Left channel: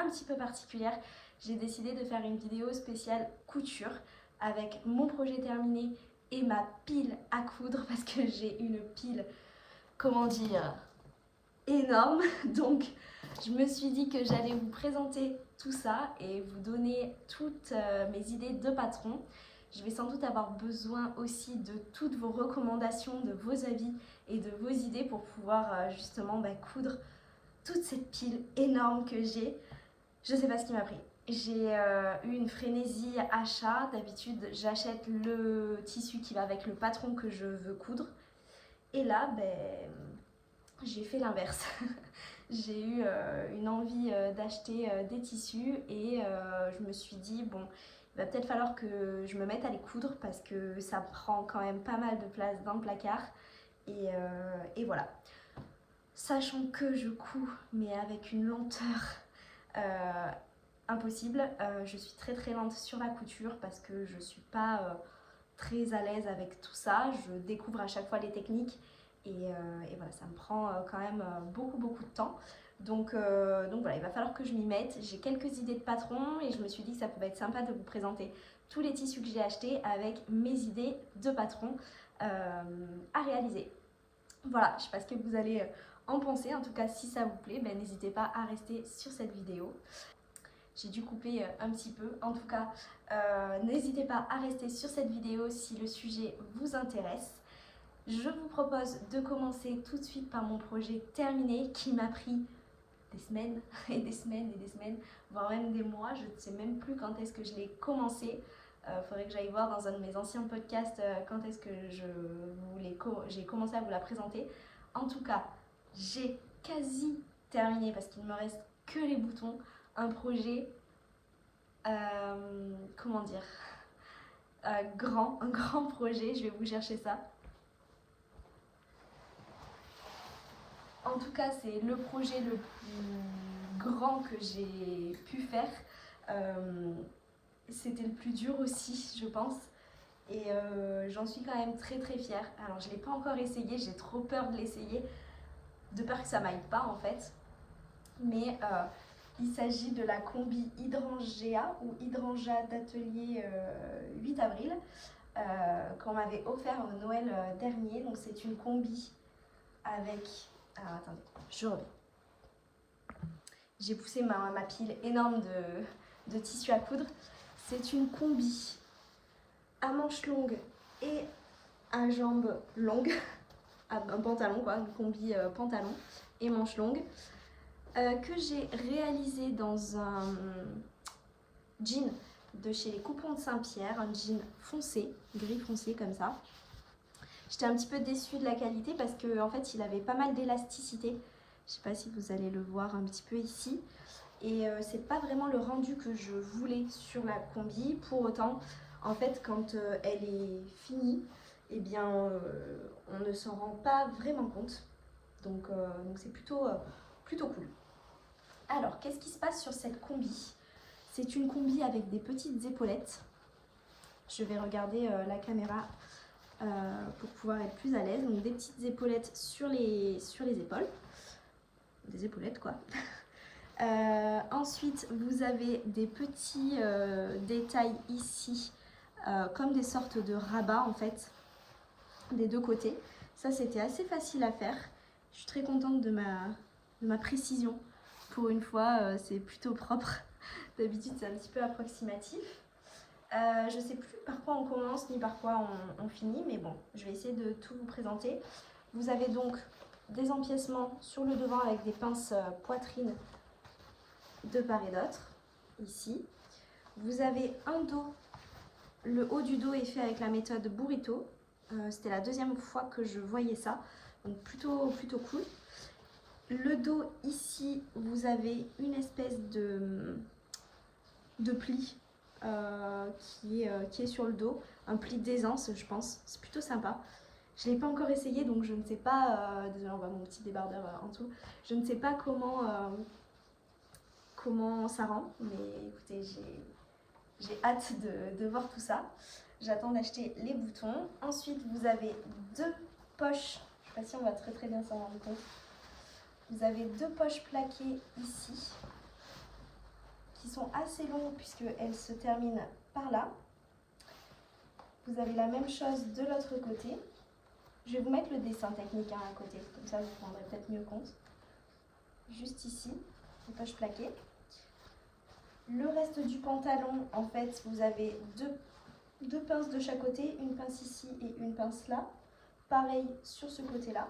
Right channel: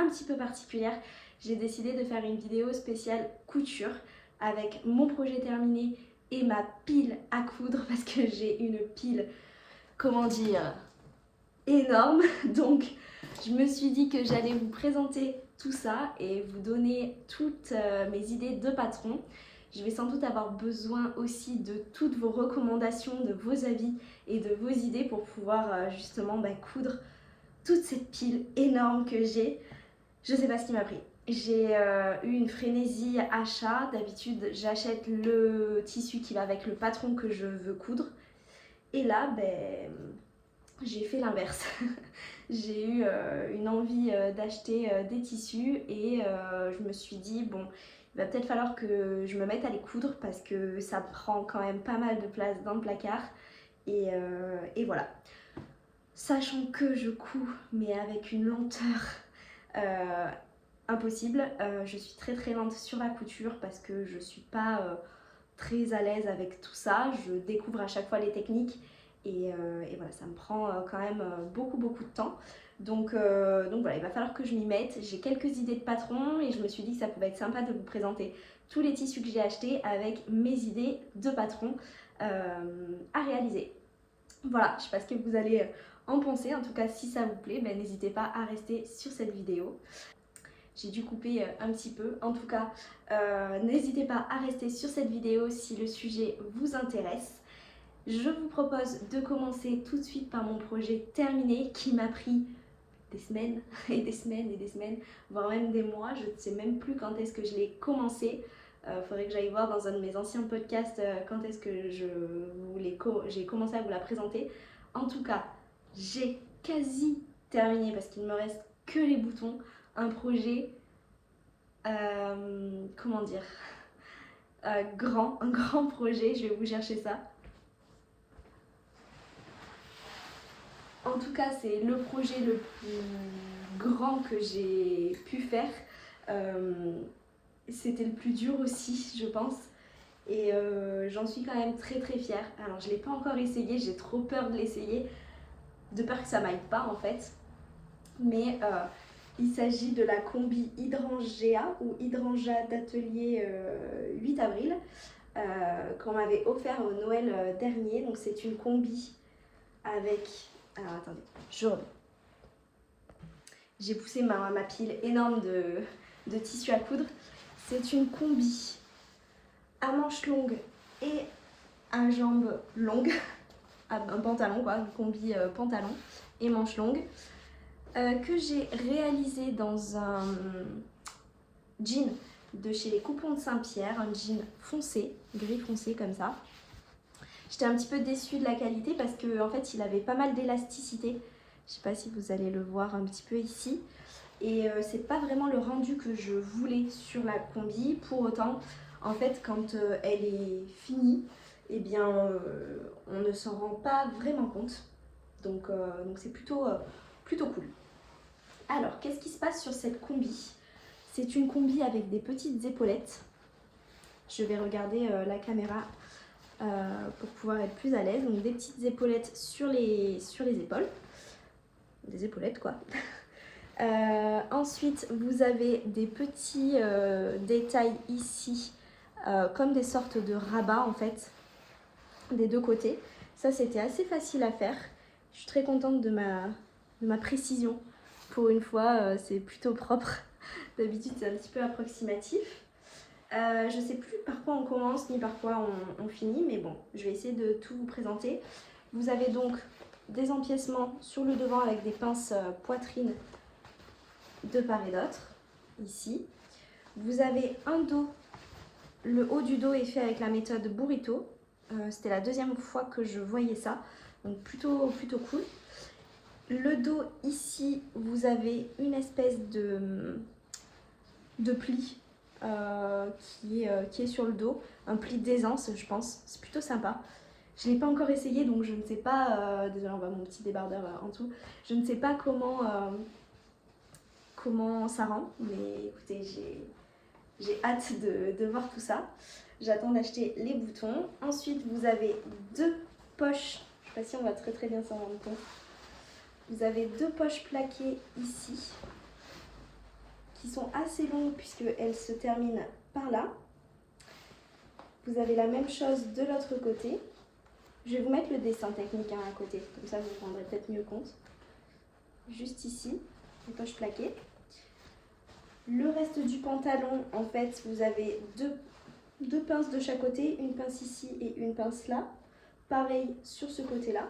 un petit peu particulière. J'ai décidé de faire une vidéo spéciale couture avec mon projet terminé et ma pile à coudre parce que j'ai une pile, comment dire, énorme. Donc je me suis dit que j'allais vous présenter tout ça et vous donner toutes mes idées de patron. Je vais sans doute avoir besoin aussi de toutes vos recommandations, de vos avis et de vos idées pour pouvoir justement coudre toute cette pile énorme que j'ai. Je sais pas ce qui m'a pris. J'ai eu une frénésie achat. D'habitude, j'achète le tissu qui va avec le patron que je veux coudre. Et là, j'ai fait l'inverse. J'ai eu une envie d'acheter des tissus et je me suis dit, bon, il va peut-être falloir que je me mette à les coudre parce que ça prend quand même pas mal de place dans le placard. Et voilà. Sachant que je couds, mais avec une lenteur impossible. Je suis très lente sur la couture parce que je suis pas très à l'aise avec tout ça. Je découvre à chaque fois les techniques et voilà, ça me prend quand même beaucoup de temps. Donc voilà, il va falloir que je m'y mette. J'ai quelques idées de patron et je me suis dit que ça pouvait être sympa de vous présenter tous les tissus que j'ai achetés avec mes idées de patron à réaliser. Voilà, je sais pas ce que vous allez en penser. En tout cas, si ça vous plaît, n'hésitez pas à rester sur cette vidéo. J'ai dû couper un petit peu. En tout cas, n'hésitez pas à rester sur cette vidéo si le sujet vous intéresse. Je vous propose de commencer tout de suite par mon projet terminé qui m'a pris des semaines et des semaines et des semaines, voire même des mois. Je ne sais même plus quand est-ce que je l'ai commencé. Faudrait que j'aille voir dans un de mes anciens podcasts quand est-ce que j'ai commencé à vous la présenter. En tout cas, j'ai quasi terminé parce qu'il ne me reste que les boutons. Un projet, comment dire, un grand projet. Je vais vous chercher ça. En tout cas, c'est le projet le plus grand que j'ai pu faire. C'était le plus dur aussi, je pense. Et j'en suis quand même très fière. Alors, je ne l'ai pas encore essayé, j'ai trop peur de l'essayer, de peur que ça m'aille pas en fait. Mais il s'agit de la combi Hydrangea ou Hydrangea d'atelier 8 avril qu'on m'avait offert au Noël dernier. Donc, c'est une combi avec... Alors attendez, je reviens. J'ai poussé ma pile énorme de tissu à coudre. C'est une combi à manches longues et à jambes longues. Un pantalon quoi, une combi pantalon et manches longues. Que j'ai réalisé dans un jean de chez les Coupons de Saint-Pierre. Un jean foncé, gris foncé comme ça. J'étais un petit peu déçue de la qualité parce qu'en fait il avait pas mal d'élasticité. Je sais pas si vous allez le voir un petit peu ici. Et c'est pas vraiment le rendu que je voulais sur la combi. Pour autant, en fait quand elle est finie, eh bien on ne s'en rend pas vraiment compte. Donc c'est plutôt cool. Alors qu'est-ce qui se passe sur cette combi? C'est une combi avec des petites épaulettes. Je vais regarder la caméra pour pouvoir être plus à l'aise. Donc des petites épaulettes sur les épaules. Des épaulettes quoi. Ensuite vous avez des petits détails ici comme des sortes de rabats en fait des deux côtés. Ça c'était assez facile à faire. Je suis très contente de ma précision. Pour une fois c'est plutôt propre. D'habitude c'est un petit peu approximatif. Je sais plus par quoi on commence ni par quoi on finit, mais bon, je vais essayer de tout vous présenter. Vous avez donc des empiècements sur le devant avec des pinces poitrine de part et d'autre, ici. Vous avez un dos, le haut du dos est fait avec la méthode Burrito. C'était la deuxième fois que je voyais ça, donc plutôt cool. Le dos ici, vous avez une espèce de pli qui est sur le dos, un pli d'aisance je pense, c'est plutôt sympa. Je ne l'ai pas encore essayé donc je ne sais pas, désolé on voit mon petit débardeur en dessous, je ne sais pas comment ça rend, mais écoutez j'ai hâte de voir tout ça. J'attends d'acheter les boutons. Ensuite vous avez deux poches, je ne sais pas si on va très bien s'en rendre compte. Vous avez deux poches plaquées ici. qui sont assez longues puisqu'elles se terminent par là. Vous avez la même chose de l'autre côté. Je vais vous mettre le dessin technique à côté, comme ça vous vous rendrez peut-être mieux compte. Juste ici, les poches plaquées. Le reste du pantalon, en fait, vous avez deux pinces de chaque côté, une pince ici et une pince là. Pareil sur ce côté-là.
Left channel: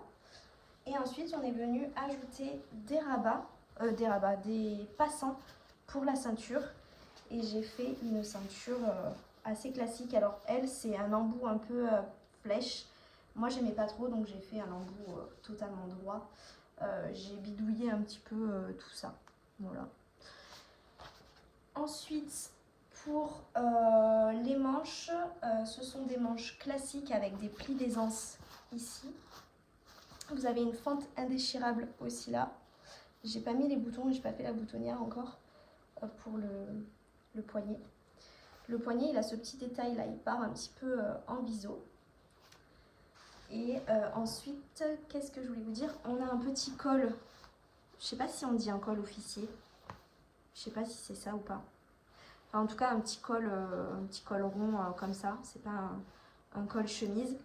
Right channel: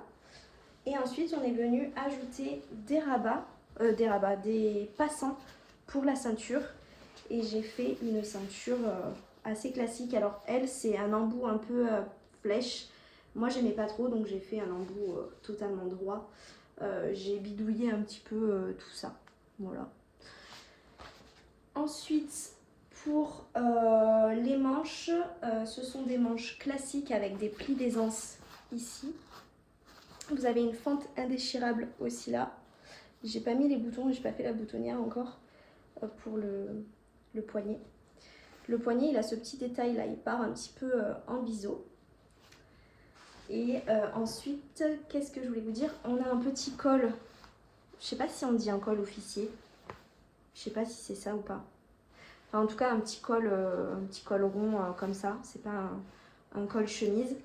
Et ensuite, on est venu ajouter des passants pour la ceinture. Et j'ai fait une ceinture assez classique. Alors elle, c'est un embout un peu flèche. Moi, j'aimais pas trop, donc j'ai fait un embout totalement droit. J'ai bidouillé un petit peu tout ça. Voilà. Ensuite, pour les manches, ce sont des manches classiques avec des plis d'aisance ici. Vous avez une fente indéchirable aussi là. J'ai pas mis les boutons, j'ai pas fait la boutonnière encore pour le poignet. Le poignet, il a ce petit détail là, il part un petit peu en biseau. Et ensuite, qu'est-ce que je voulais vous dire? On a un petit col. Je sais pas si on dit un col officier. Je sais pas si c'est ça ou pas. Enfin, en tout cas, un petit col rond comme ça. C'est pas un col chemise.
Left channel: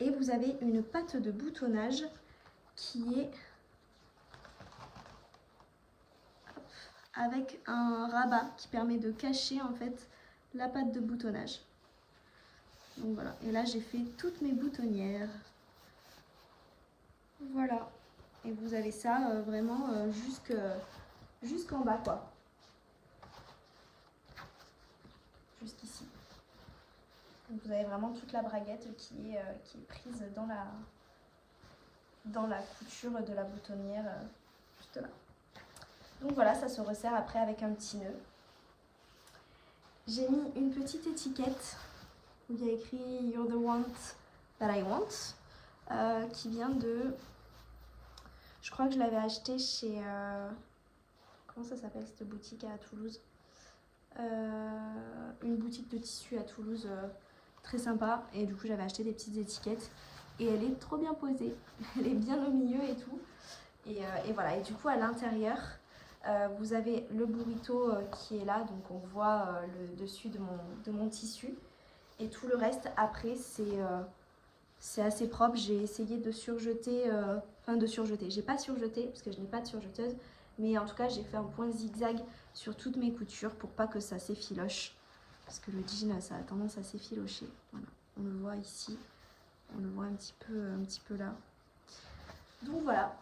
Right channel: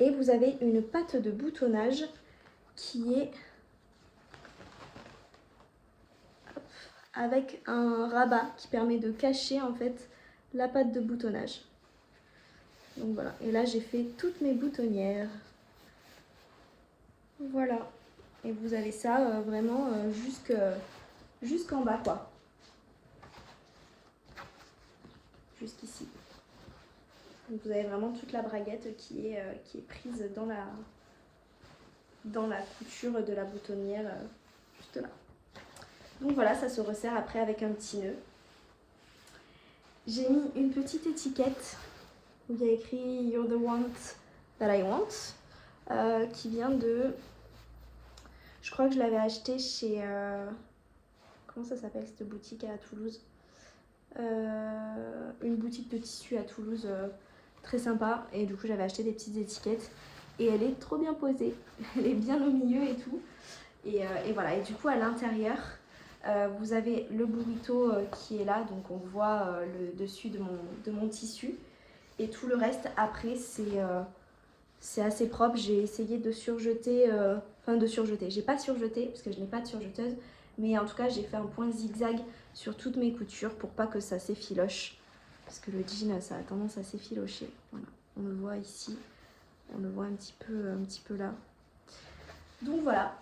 Et vous avez une patte de boutonnage qui est avec un rabat qui permet de cacher en fait la patte de boutonnage. Donc voilà. Et là, j'ai fait toutes mes boutonnières. Voilà. Et vous avez ça vraiment jusqu'en bas, quoi. Jusqu'ici. Donc vous avez vraiment toute la braguette qui est prise dans la couture de la boutonnière, juste là. Donc voilà, ça se resserre après avec un petit nœud. J'ai mis une petite étiquette où il y a écrit You're the one that I want, qui vient de... Je crois que je l'avais acheté chez... comment ça s'appelle cette boutique à Toulouse? Une boutique de tissu à Toulouse très sympa. Et du coup, j'avais acheté des petites étiquettes. Et elle est trop bien posée. Elle est bien au milieu et tout. Et voilà. Et du coup, à l'intérieur, vous avez le burrito qui est là. Donc, on voit le dessus de mon tissu. Et tout le reste, après, c'est assez propre. J'ai essayé de surjeter... J'ai pas surjeté parce que je n'ai pas de surjeteuse. Mais en tout cas, j'ai fait un point zigzag sur toutes mes coutures pour pas que ça s'effiloche. Parce que le jean, ça a tendance à s'effilocher. Voilà, on le voit ici. On le voit un petit peu là. Donc voilà,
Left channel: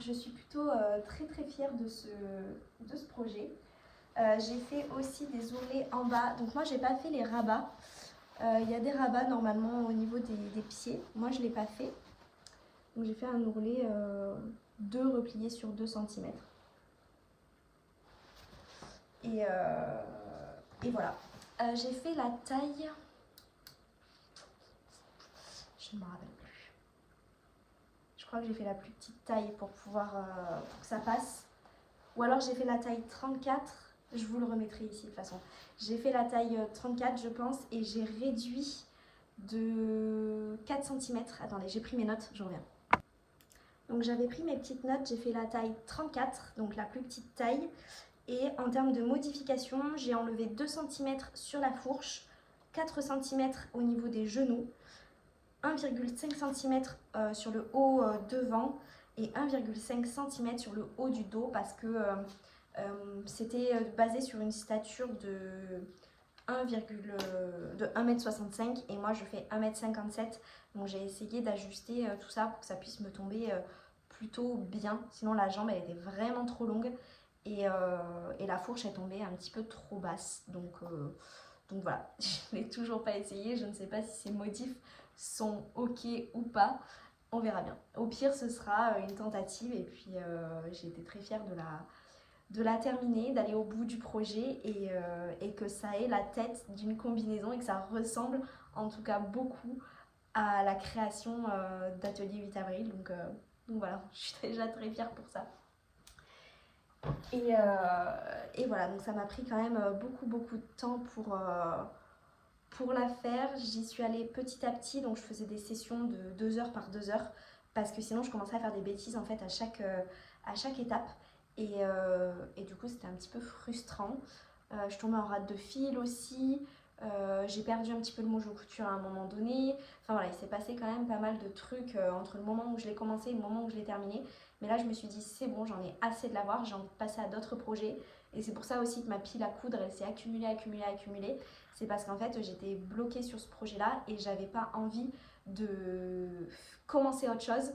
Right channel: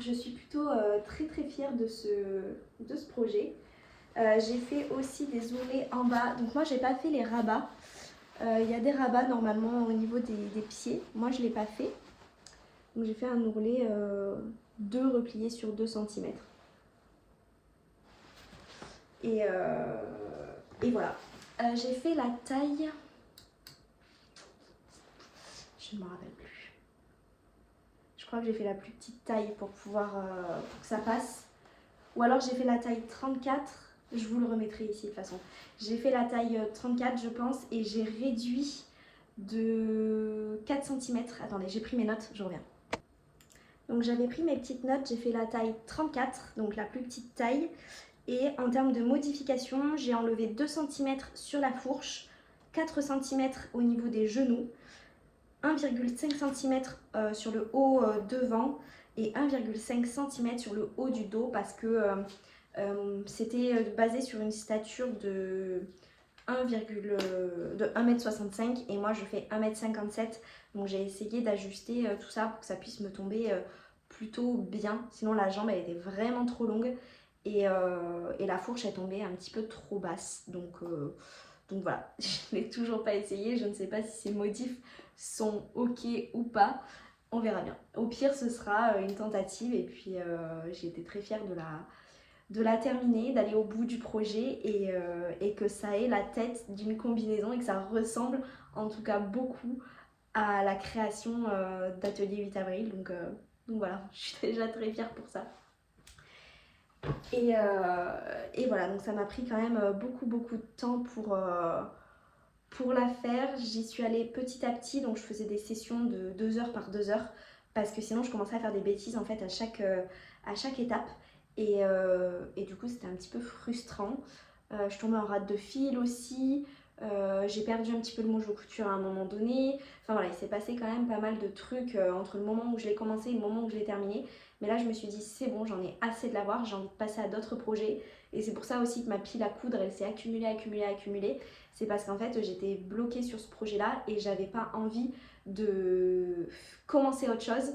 je suis plutôt très très fière de ce projet. J'ai fait aussi des ourlets en bas. Donc moi, j'ai pas fait les rabats. Il y a des rabats normalement au niveau des pieds. Moi, je l'ai pas fait. Donc j'ai fait un ourlet 2 repliés sur 2 cm. Et voilà. J'ai fait la taille... Je ne me rappelle plus. Je crois que j'ai fait la plus petite taille pour pouvoir pour que ça passe. Ou alors j'ai fait la taille 34. Je vous le remettrai ici de toute façon. J'ai fait la taille 34 je pense. Et j'ai réduit de 4 cm. Attendez, j'ai pris mes notes, je reviens. Donc j'avais pris mes petites notes. J'ai fait la taille 34, donc la plus petite taille. Et en termes de modification, j'ai enlevé 2 cm sur la fourche, 4 cm au niveau des genoux, 1,5 cm sur le haut devant et 1,5 cm sur le haut du dos parce que c'était basé sur une stature de 1,65 m et moi je fais 1,57 m. Donc j'ai essayé d'ajuster tout ça pour que ça puisse me tomber plutôt bien. Sinon la jambe elle était vraiment trop longue. Et la fourche est tombée un petit peu trop basse. Donc voilà, je n'ai toujours pas essayé. Je ne sais pas si ces motifs sont ok ou pas. On verra bien. Au pire, ce sera une tentative. Et puis, j'ai été très fière de la terminer, d'aller au bout du projet et que ça ait la tête d'une combinaison et que ça ressemble en tout cas beaucoup à la création d'Atelier 8 avril. Donc voilà, je suis déjà très fière pour ça. Et voilà, donc ça m'a pris quand même beaucoup de temps pour la faire. J'y suis allée petit à petit, donc je faisais des sessions de 2 heures par 2 heures parce que sinon je commençais à faire des bêtises en fait à chaque étape. Et du coup c'était un petit peu frustrant. Je tombais en rate de fil aussi. J'ai perdu un petit peu le mojo couture à un moment donné. Enfin voilà, il s'est passé quand même pas mal de trucs entre le moment où je l'ai commencé et le moment où je l'ai terminé. Mais là je me suis dit c'est bon, j'en ai assez de l'avoir, j'ai envie de passer à d'autres projets. Et c'est pour ça aussi que ma pile à coudre elle s'est accumulée. C'est parce qu'en fait j'étais bloquée sur ce projet là et j'avais pas envie de commencer autre chose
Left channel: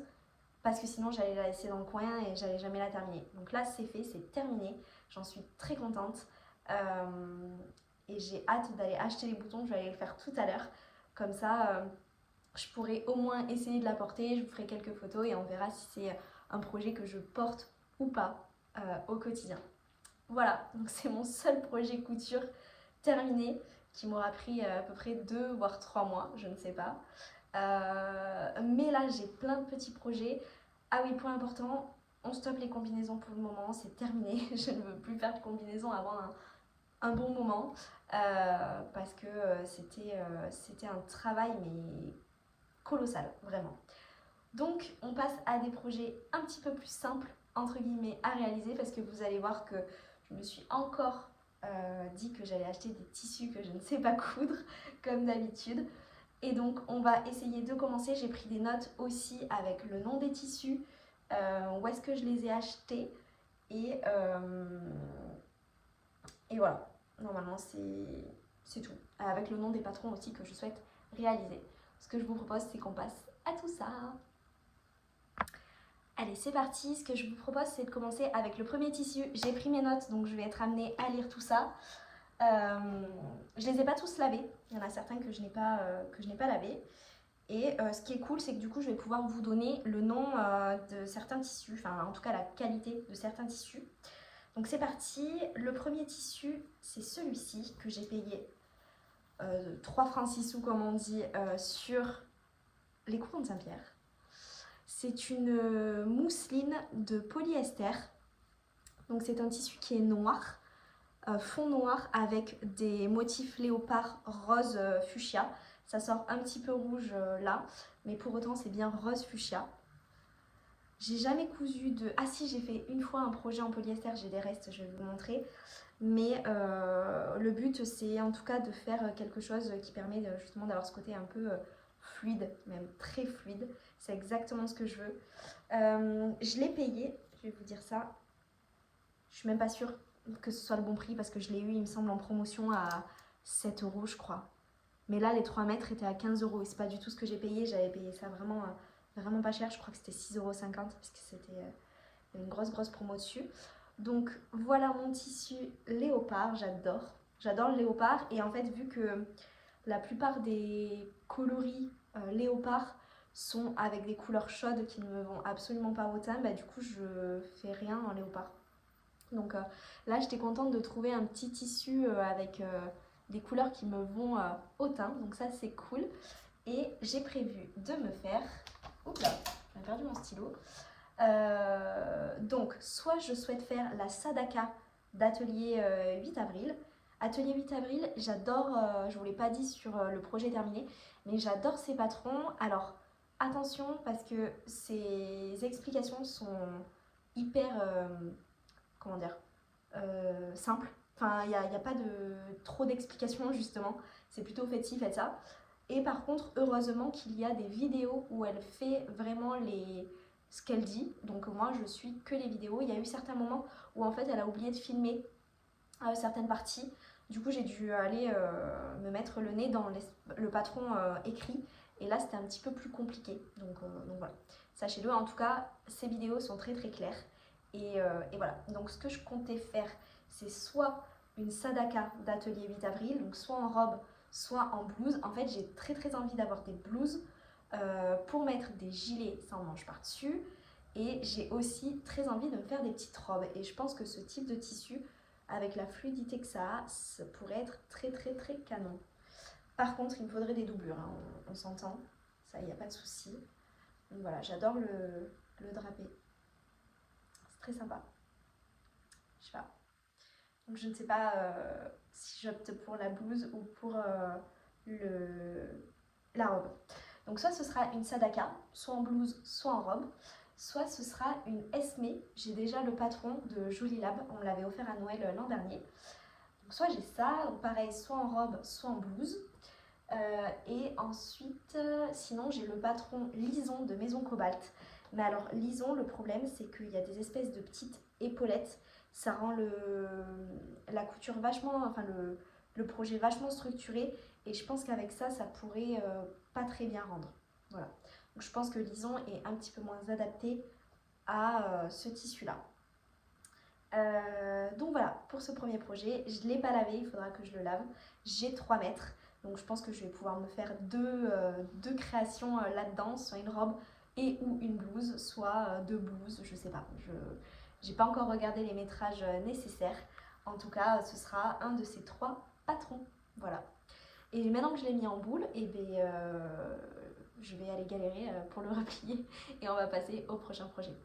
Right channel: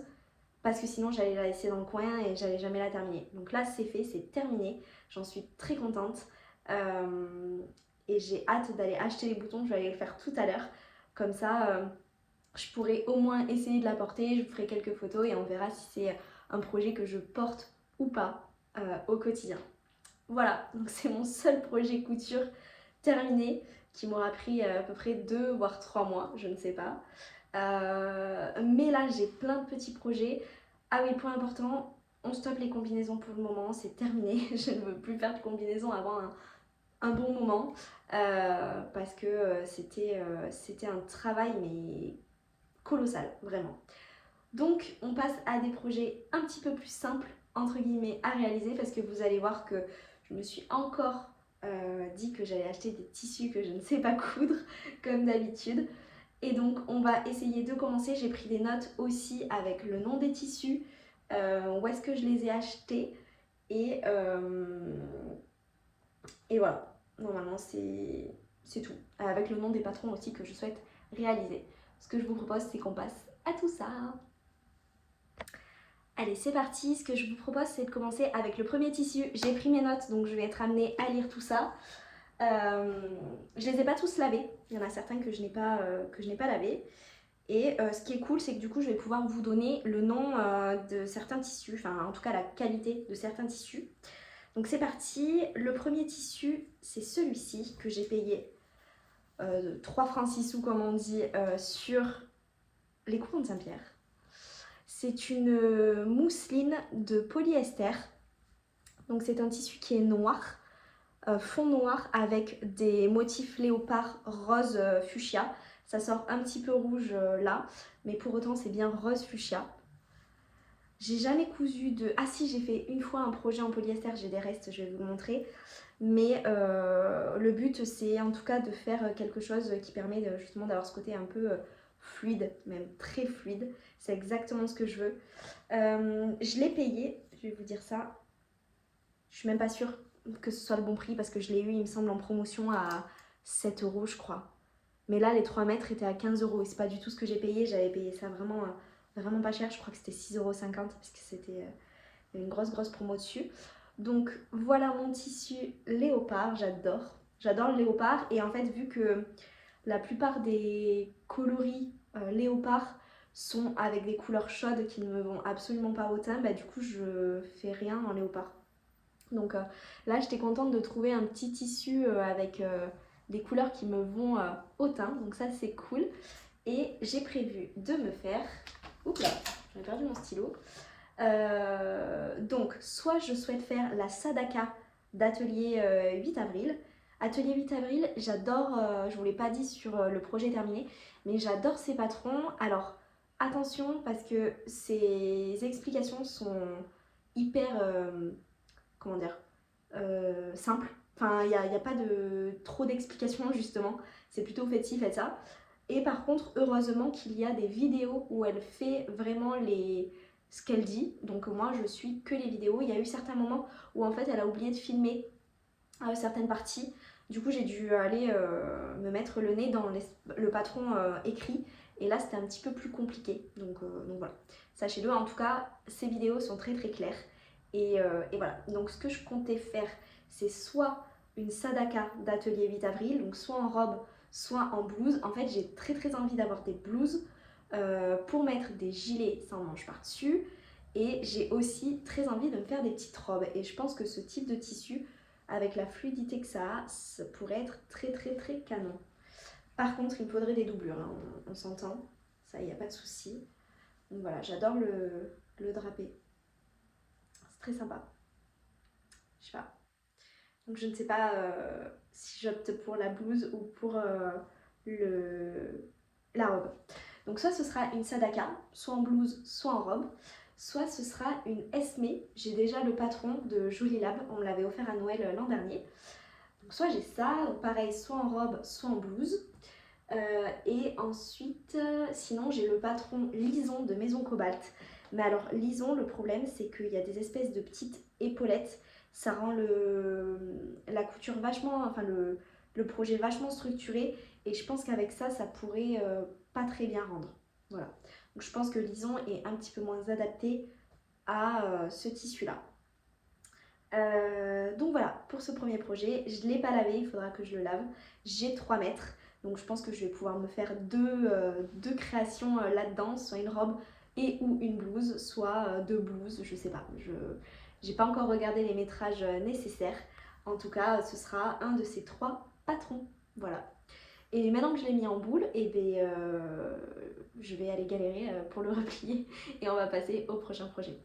parce que sinon j'allais la laisser dans le coin et j'allais jamais la terminer. Donc là c'est fait, c'est terminé, j'en suis très contente. Et j'ai hâte d'aller acheter les boutons, je vais aller le faire tout à l'heure. Comme ça, je pourrai au moins essayer de la porter, je vous ferai quelques photos et on verra si c'est un projet que je porte ou pas au quotidien. Voilà, donc c'est mon seul projet couture terminé qui m'aura pris à peu près 2 voire 3 mois, je ne sais pas. Mais là j'ai plein de petits projets. Ah oui, point important, on stoppe les combinaisons pour le moment, c'est terminé. Je ne veux plus faire de combinaisons avant un bon moment parce que c'était un travail mais colossal, vraiment. Donc on passe à des projets un petit peu plus simples entre guillemets à réaliser parce que vous allez voir que je me suis encore dit que j'allais acheter des tissus que je ne sais pas coudre comme d'habitude. Et donc on va essayer de commencer. J'ai pris des notes aussi avec le nom des tissus, où est-ce que je les ai achetés et voilà, normalement c'est tout. Avec le nom des patrons aussi que je souhaite réaliser. Ce que je vous propose c'est qu'on passe à tout ça. Allez c'est parti, ce que je vous propose c'est de commencer avec le premier tissu. J'ai pris mes notes donc je vais être amenée à lire tout ça. Je les ai pas tous lavés, il y en a certains que je n'ai pas lavés. Et ce qui est cool, c'est que du coup, je vais pouvoir vous donner le nom de certains tissus, enfin en tout cas la qualité de certains tissus. Donc c'est parti, le premier tissu, c'est celui-ci que j'ai payé 3 francs 6 sous comme on dit sur les coupons de Saint-Pierre. C'est une mousseline de polyester. Donc c'est un tissu qui est noir, fond noir avec des motifs léopard rose fuchsia. Ça sort un petit peu rouge là, mais pour autant c'est bien rose fuchsia. J'ai jamais cousu de... Ah si, j'ai fait une fois un projet en polyester, j'ai des restes, je vais vous montrer. Mais le but c'est en tout cas de faire quelque chose qui permet justement d'avoir ce côté un peu fluide, même très fluide. C'est exactement ce que je veux. Je l'ai payé, je vais vous dire ça. Je suis même pas sûre que ce soit le bon prix parce que je l'ai eu, il me semble, en promotion à 7 € je crois. Mais là, les 3 mètres étaient à 15 € et c'est pas du tout ce que j'ai payé. J'avais payé ça vraiment, vraiment pas cher. Je crois que c'était 6,50 € parce que c'était une grosse promo dessus. Donc voilà mon tissu léopard, j'adore. J'adore le léopard et en fait, vu que la plupart des coloris léopard sont avec des couleurs chaudes qui ne me vont absolument pas au teint, bah, du coup, je fais rien en léopard. Donc là, j'étais contente de trouver un petit tissu avec des couleurs qui me vont au teint, donc ça c'est cool. Et j'ai prévu de me faire... Oups là, j'ai perdu mon stylo. Donc soit je souhaite faire la Sadaka d'Atelier 8 avril. Atelier 8 avril, j'adore, je vous l'ai pas dit sur le projet terminé, mais j'adore ces patrons. Alors attention parce que ces explications sont hyper... comment dire, simple. Enfin, il n'y a pas de trop d'explications justement. C'est plutôt faites ci, faites ça. Et par contre, heureusement qu'il y a des vidéos où elle fait vraiment ce qu'elle dit. Donc moi, je suis que les vidéos. Il y a eu certains moments où en fait, elle a oublié de filmer certaines parties. Du coup, j'ai dû aller me mettre le nez dans le patron écrit. Et là, c'était un petit peu plus compliqué. Donc voilà. Sachez-le, en tout cas, ces vidéos sont très claires. Et voilà, donc ce que je comptais faire, c'est soit une Sadaka d'Atelier 8 avril, donc soit en robe, soit en blouse. En fait, j'ai très envie d'avoir des blouses pour mettre des gilets sans manches par-dessus. Et j'ai aussi très envie de me faire des petites robes. Et je pense que ce type de tissu, avec la fluidité que ça a, ça pourrait être très canon. Par contre, il me faudrait des doublures, hein, on s'entend, ça, il n'y a pas de souci. Donc voilà, j'adore le drapé. Très sympa. Je sais pas. Donc je ne sais pas si j'opte pour la blouse ou pour la robe. Donc soit ce sera une Sadaka, soit en blouse, soit en robe. soit ce sera une Esme. J'ai déjà le patron de Jolie Lab, on me l'avait offert à Noël l'an dernier. Donc soit j'ai ça, pareil, soit en robe, soit en blouse. Et ensuite, sinon j'ai le patron Lison de Maison Cobalt. Mais alors Lison, le problème c'est qu'il y a des espèces de petites épaulettes. Ça rend la couture vachement, enfin le projet vachement structuré. Et je pense qu'avec ça, ça pourrait pas très bien rendre. Voilà. Donc je pense que Lison est un petit peu moins adapté à ce tissu-là. Donc voilà, pour ce premier projet, je ne l'ai pas lavé, il faudra que je le lave. J'ai 3 mètres, donc je pense que je vais pouvoir me faire deux créations là-dedans, soit une robe et ou une blouse, soit 2 blouses, je sais pas. Je n'ai pas encore regardé les métrages nécessaires. En tout cas, ce sera un de ces 3 patrons. Voilà. Et maintenant que je l'ai mis en boule, et je vais aller galérer pour le replier et on va passer au prochain projet.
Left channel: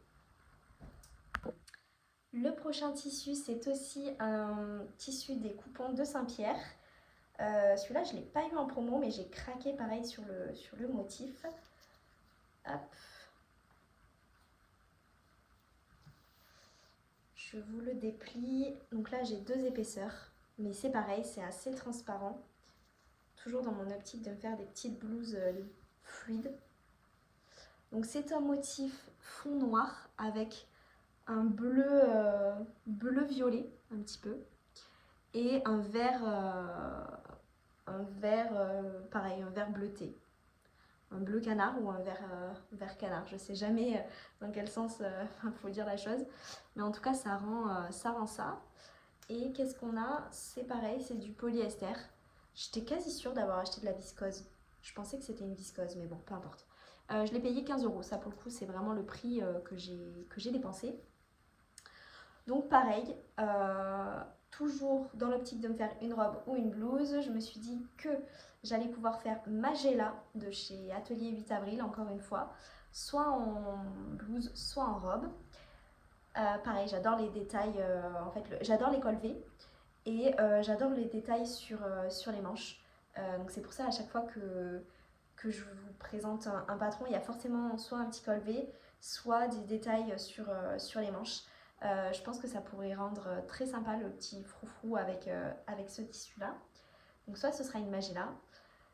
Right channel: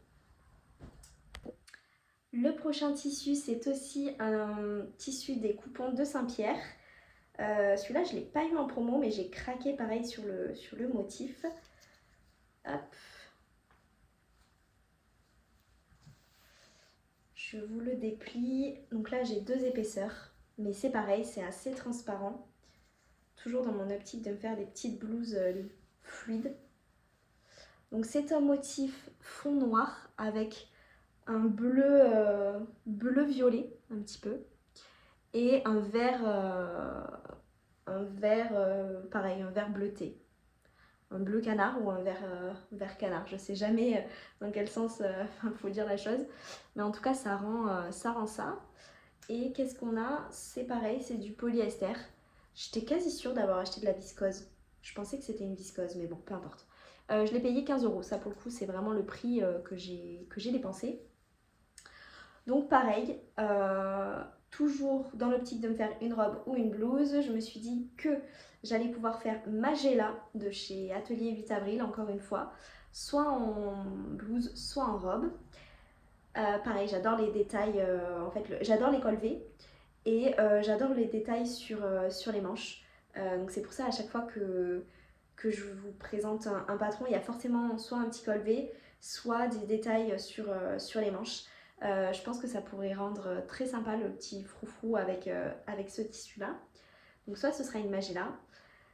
Le prochain tissu, c'est aussi un tissu des coupons de Saint-Pierre. Celui-là, je ne l'ai pas eu en promo, mais j'ai craqué pareil sur le motif. Hop. Je vous le déplie. Donc là, j'ai 2 épaisseurs, mais c'est pareil, c'est assez transparent. Toujours dans mon optique de me faire des petites blouses fluides. Donc c'est un motif fond noir avec un bleu violet un petit peu et un vert pareil, un vert bleuté, un bleu canard ou un vert canard, je sais jamais dans quel sens faut dire la chose, mais en tout cas ça rend ça. Et qu'est-ce qu'on a? C'est pareil, c'est du polyester. J'étais quasi sûre d'avoir acheté de la viscose, je pensais que c'était une viscose, mais bon, peu importe. Je l'ai payé 15 €, ça pour le coup c'est vraiment le prix que j'ai dépensé. Donc pareil, toujours dans l'optique de me faire une robe ou une blouse, je me suis dit que j'allais pouvoir faire Magella de chez Atelier 8 avril, encore une fois, soit en blouse, soit en robe. Pareil, j'adore les détails, en fait, j'adore les col V et j'adore les détails sur les manches. Donc c'est pour ça à chaque fois que je vous présente un patron, il y a forcément soit un petit col V, soit des détails sur les manches. Je pense que ça pourrait rendre très sympa le petit froufrou avec ce tissu-là. Donc soit ce sera une Magella,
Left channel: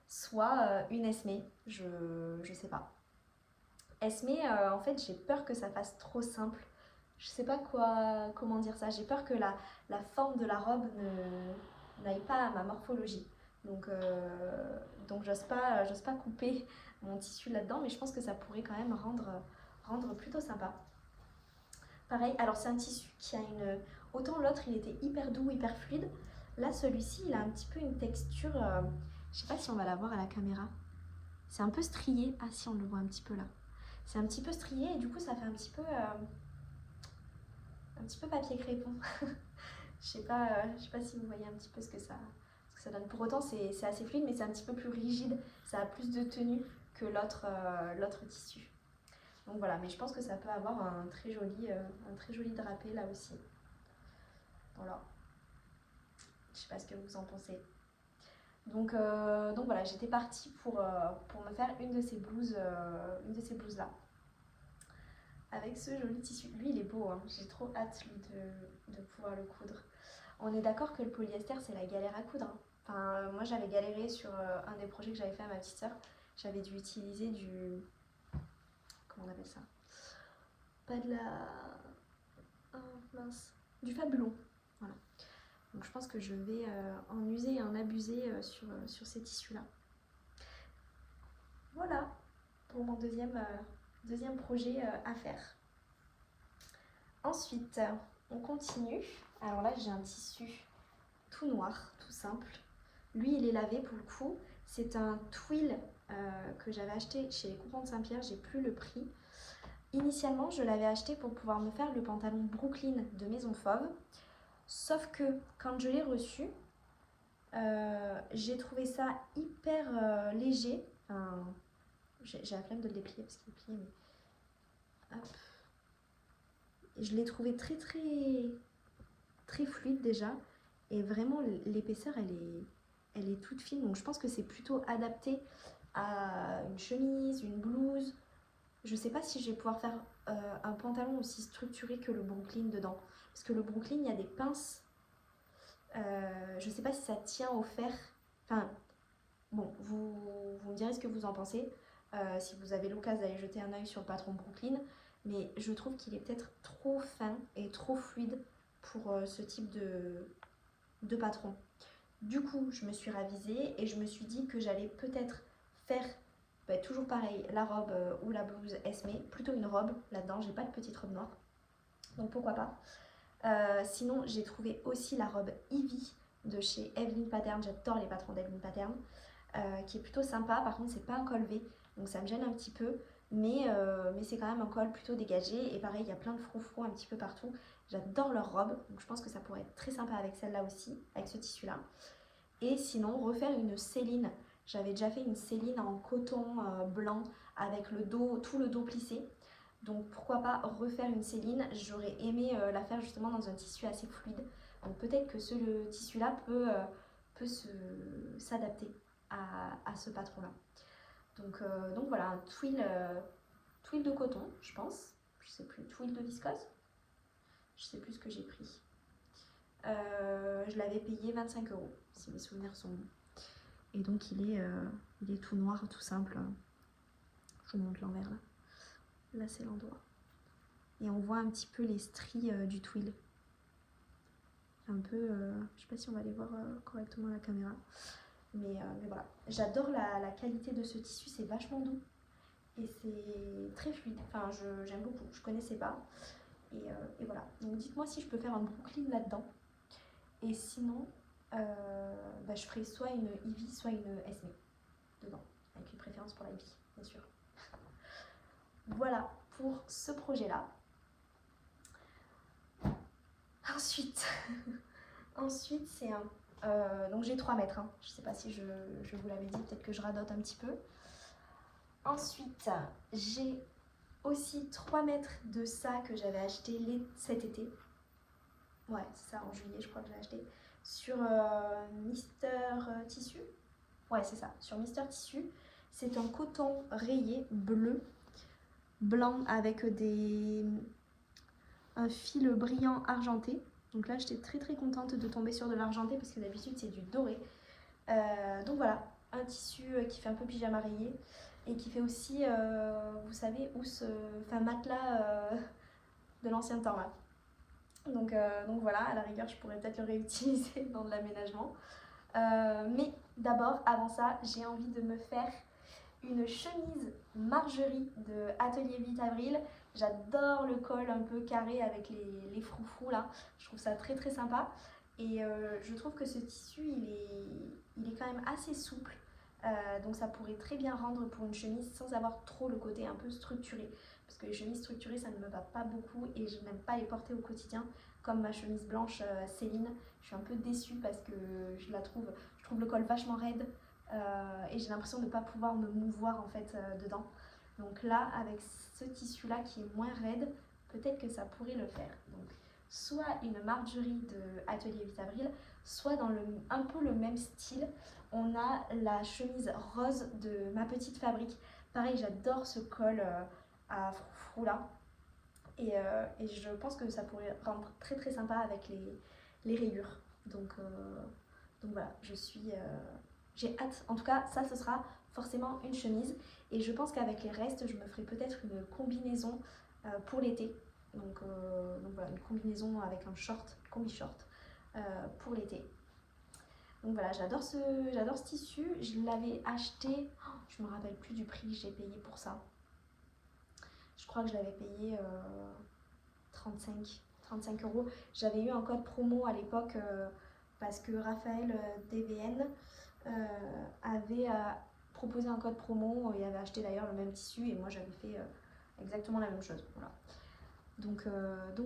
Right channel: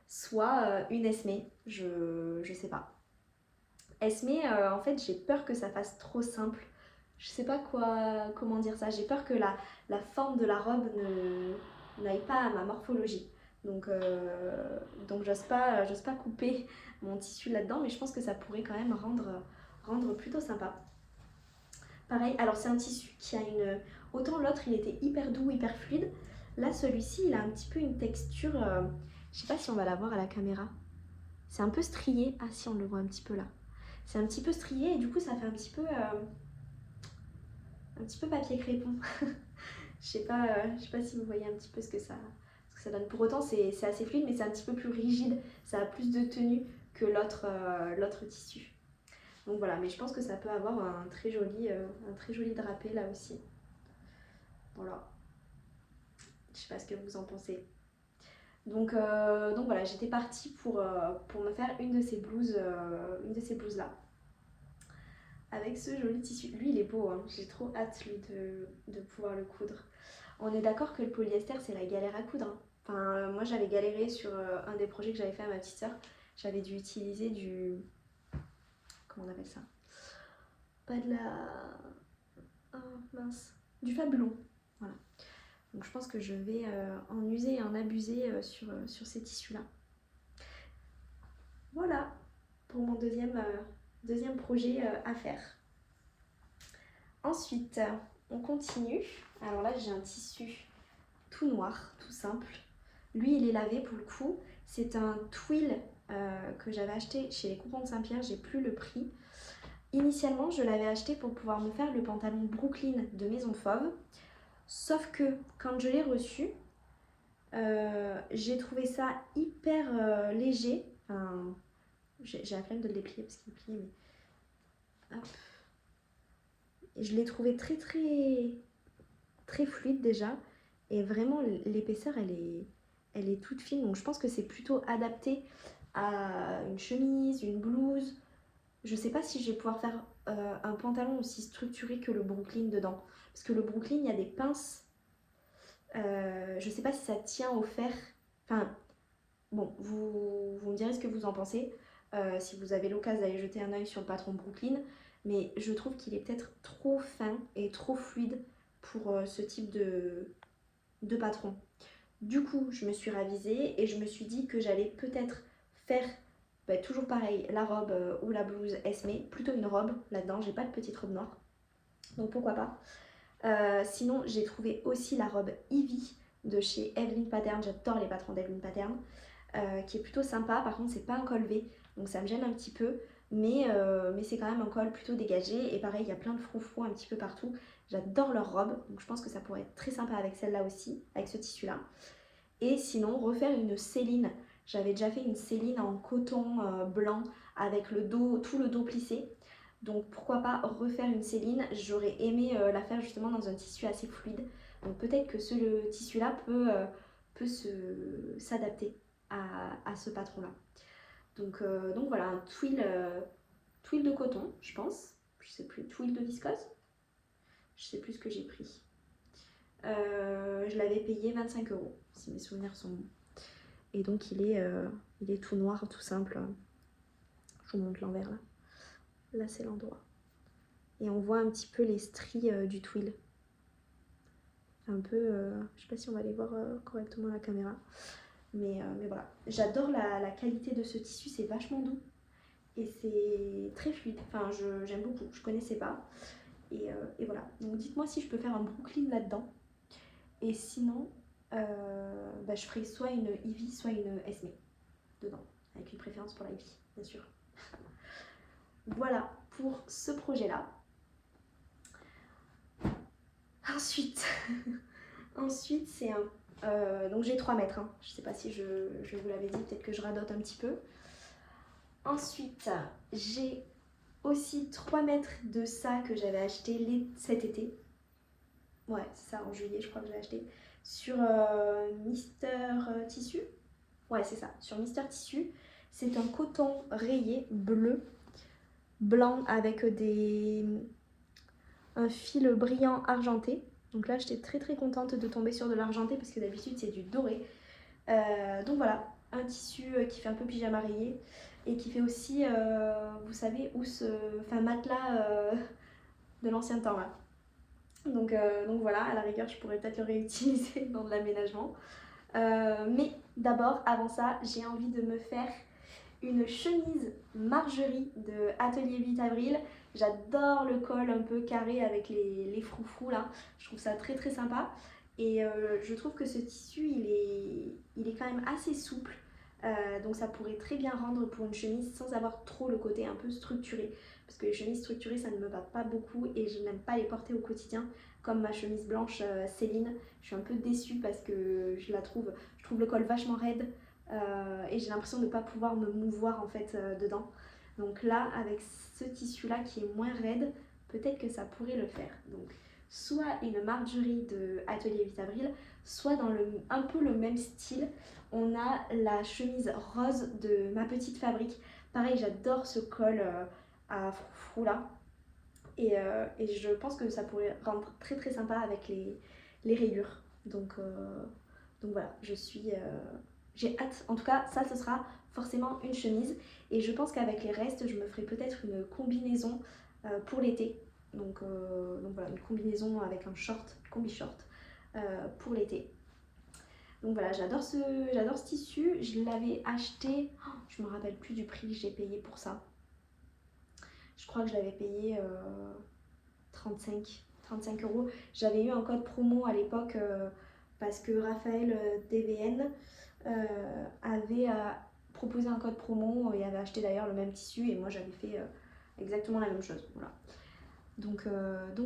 soit une Esme, je sais pas. Esme, en fait, j'ai peur que ça fasse trop simple. Je sais pas comment dire ça. J'ai peur que la forme de la robe n'aille pas à ma morphologie. Donc j'ose pas couper mon tissu là-dedans, mais je pense que ça pourrait quand même rendre plutôt sympa. Pareil, alors c'est un tissu qui a autant l'autre il était hyper doux, hyper fluide. Là celui-ci il a un petit peu une texture, je sais pas si on va la voir à la caméra. C'est un peu strié, ah si on le voit un petit peu là. C'est un petit peu strié et du coup ça fait un petit peu papier crépon. Je sais pas si vous voyez un petit peu ce que ça donne. Pour autant c'est assez fluide mais c'est un petit peu plus rigide, ça a plus de tenue que l'autre tissu. Donc voilà, mais je pense que ça peut avoir un très joli drapé là aussi. Voilà. Je sais pas ce que vous en pensez. Donc voilà, j'étais partie pour me faire une de ces blouses là. Avec ce joli tissu. Lui il est beau, hein. J'ai trop hâte lui de pouvoir le coudre. On est d'accord que le polyester c'est la galère à coudre, hein. Enfin moi j'avais galéré sur un des projets que j'avais fait à ma petite soeur. J'avais dû utiliser du... Comment on appelle ça? Pas de la... Oh mince. Du Fabulon. Voilà. Donc je pense que je vais en user et en abuser sur ces tissus-là. Voilà pour mon deuxième projet à faire. Ensuite, on continue. Alors là, j'ai un tissu tout noir, tout simple. Lui, il est lavé pour le coup. C'est un twill que j'avais acheté chez les coupons de Saint-Pierre. J'ai plus le prix. Initialement, je l'avais acheté pour pouvoir me faire le pantalon Brooklyn de Maison Fauve. Sauf que quand je l'ai reçu, j'ai trouvé ça hyper léger. Enfin, j'ai la flemme de le déplier parce qu'il plie. Mais... Hop. Et je l'ai trouvé très fluide déjà. Et vraiment, l'épaisseur, elle est toute fine. Donc je pense que c'est plutôt adapté à une chemise, une blouse. Je sais pas si je vais pouvoir faire un pantalon aussi structuré que le Brooklyn dedans. Parce que le Brooklyn, il y a des pinces. Je sais pas si ça tient au fer. Enfin, bon, vous me direz ce que vous en pensez. Si vous avez l'occasion d'aller jeter un œil sur le patron Brooklyn. Mais je trouve qu'il est peut-être trop fin et trop fluide pour ce type de patron. Du coup, je me suis ravisée et je me suis dit que j'allais peut-être faire toujours pareil, la robe ou la blouse Esme, plutôt une robe là-dedans, j'ai pas de petite robe noire, donc pourquoi pas. Sinon, j'ai trouvé aussi la robe Ivy de chez Evelyn Pattern, j'adore les patrons d'Evelyn Pattern, qui est plutôt sympa. Par contre, c'est pas un col V, donc ça me gêne un petit peu, mais c'est quand même un col plutôt dégagé. Et pareil, il y a plein de froufrous un petit peu partout. J'adore leur robe, donc je pense que ça pourrait être très sympa avec celle-là aussi, avec ce tissu-là. Et sinon, refaire une Céline. J'avais déjà fait une Céline en coton blanc avec le dos, tout le dos plissé. Donc pourquoi pas refaire une Céline. J'aurais aimé la faire justement dans un tissu assez fluide. Donc peut-être que le tissu-là peut s'adapter à ce patron-là. Donc voilà, un twill de coton, je pense. Je sais plus, twill de viscose. Je sais plus ce que j'ai pris. Je l'avais payé 25 €, si mes souvenirs sont bons. Et donc il est tout noir, tout simple. Je vous montre l'envers là. Là c'est l'endroit. Et on voit un petit peu les stries du twill. Un peu, je sais pas si on va les voir correctement à la caméra. Mais voilà. J'adore la qualité de ce tissu, c'est vachement doux. Et c'est très fluide. Enfin, j'aime beaucoup, je connaissais pas. Et voilà. Donc dites-moi si je peux faire un Brooklyn là-dedans. Et sinon, je ferai soit une Ivy, soit une Esme dedans, avec une préférence pour la Ivy, bien sûr. Voilà pour ce projet-là. Ensuite, c'est un... donc j'ai 3 mètres, hein. Je sais pas si je vous l'avais dit, peut-être que je radote un petit peu. Ensuite, j'ai aussi 3 mètres de ça que j'avais acheté cet été. Ouais, c'est ça, en juillet, je crois que j'ai acheté. Sur Mister Tissu. Ouais, c'est ça, sur Mister Tissu. C'est un coton rayé bleu, blanc avec un fil brillant argenté. Donc là, j'étais très très contente de tomber sur de l'argenté parce que d'habitude, c'est du doré. Donc voilà, un tissu qui fait un peu pyjama rayé et qui fait aussi, vous savez, matelas de l'ancien temps là. Donc voilà, à la rigueur, je pourrais peut-être le réutiliser dans de l'aménagement. Mais d'abord, avant ça, j'ai envie de me faire une chemise Margerie de Atelier 8 avril. J'adore le col un peu carré avec les froufrous là. Je trouve ça très très sympa. Et je trouve que ce tissu, il est quand même assez souple. Donc ça pourrait très bien rendre pour une chemise sans avoir trop le côté un peu structuré. Parce que les chemises structurées, ça ne me va pas beaucoup et je n'aime pas les porter au quotidien. Comme ma chemise blanche Céline, je suis un peu déçue parce que je trouve le col vachement raide. Et j'ai l'impression de ne pas pouvoir me mouvoir en fait dedans. Donc là, avec ce tissu là qui est moins raide, peut-être que ça pourrait le faire. Donc soit une Margerie de Atelier 8 avril, soit dans un peu le même style, on a la chemise rose de Ma Petite Fabrique. Pareil, j'adore ce col à froufrou là. Et je pense que ça pourrait rendre très très sympa avec les rayures. Donc voilà, j'ai hâte. En tout cas, ça, ce sera forcément une chemise. Et je pense qu'avec les restes, je me ferai peut-être une combinaison pour l'été. Donc voilà, une combinaison avec un short, combi-short pour l'été. Donc voilà, j'adore ce tissu. Je l'avais acheté, je me rappelle plus du prix que j'ai payé pour ça. Je crois que je l'avais payé 35 €. J'avais eu un code promo à l'époque parce que Raphaël DVN avait proposé un code promo et avait acheté d'ailleurs le même tissu et moi j'avais fait exactement la même chose. Voilà. Donc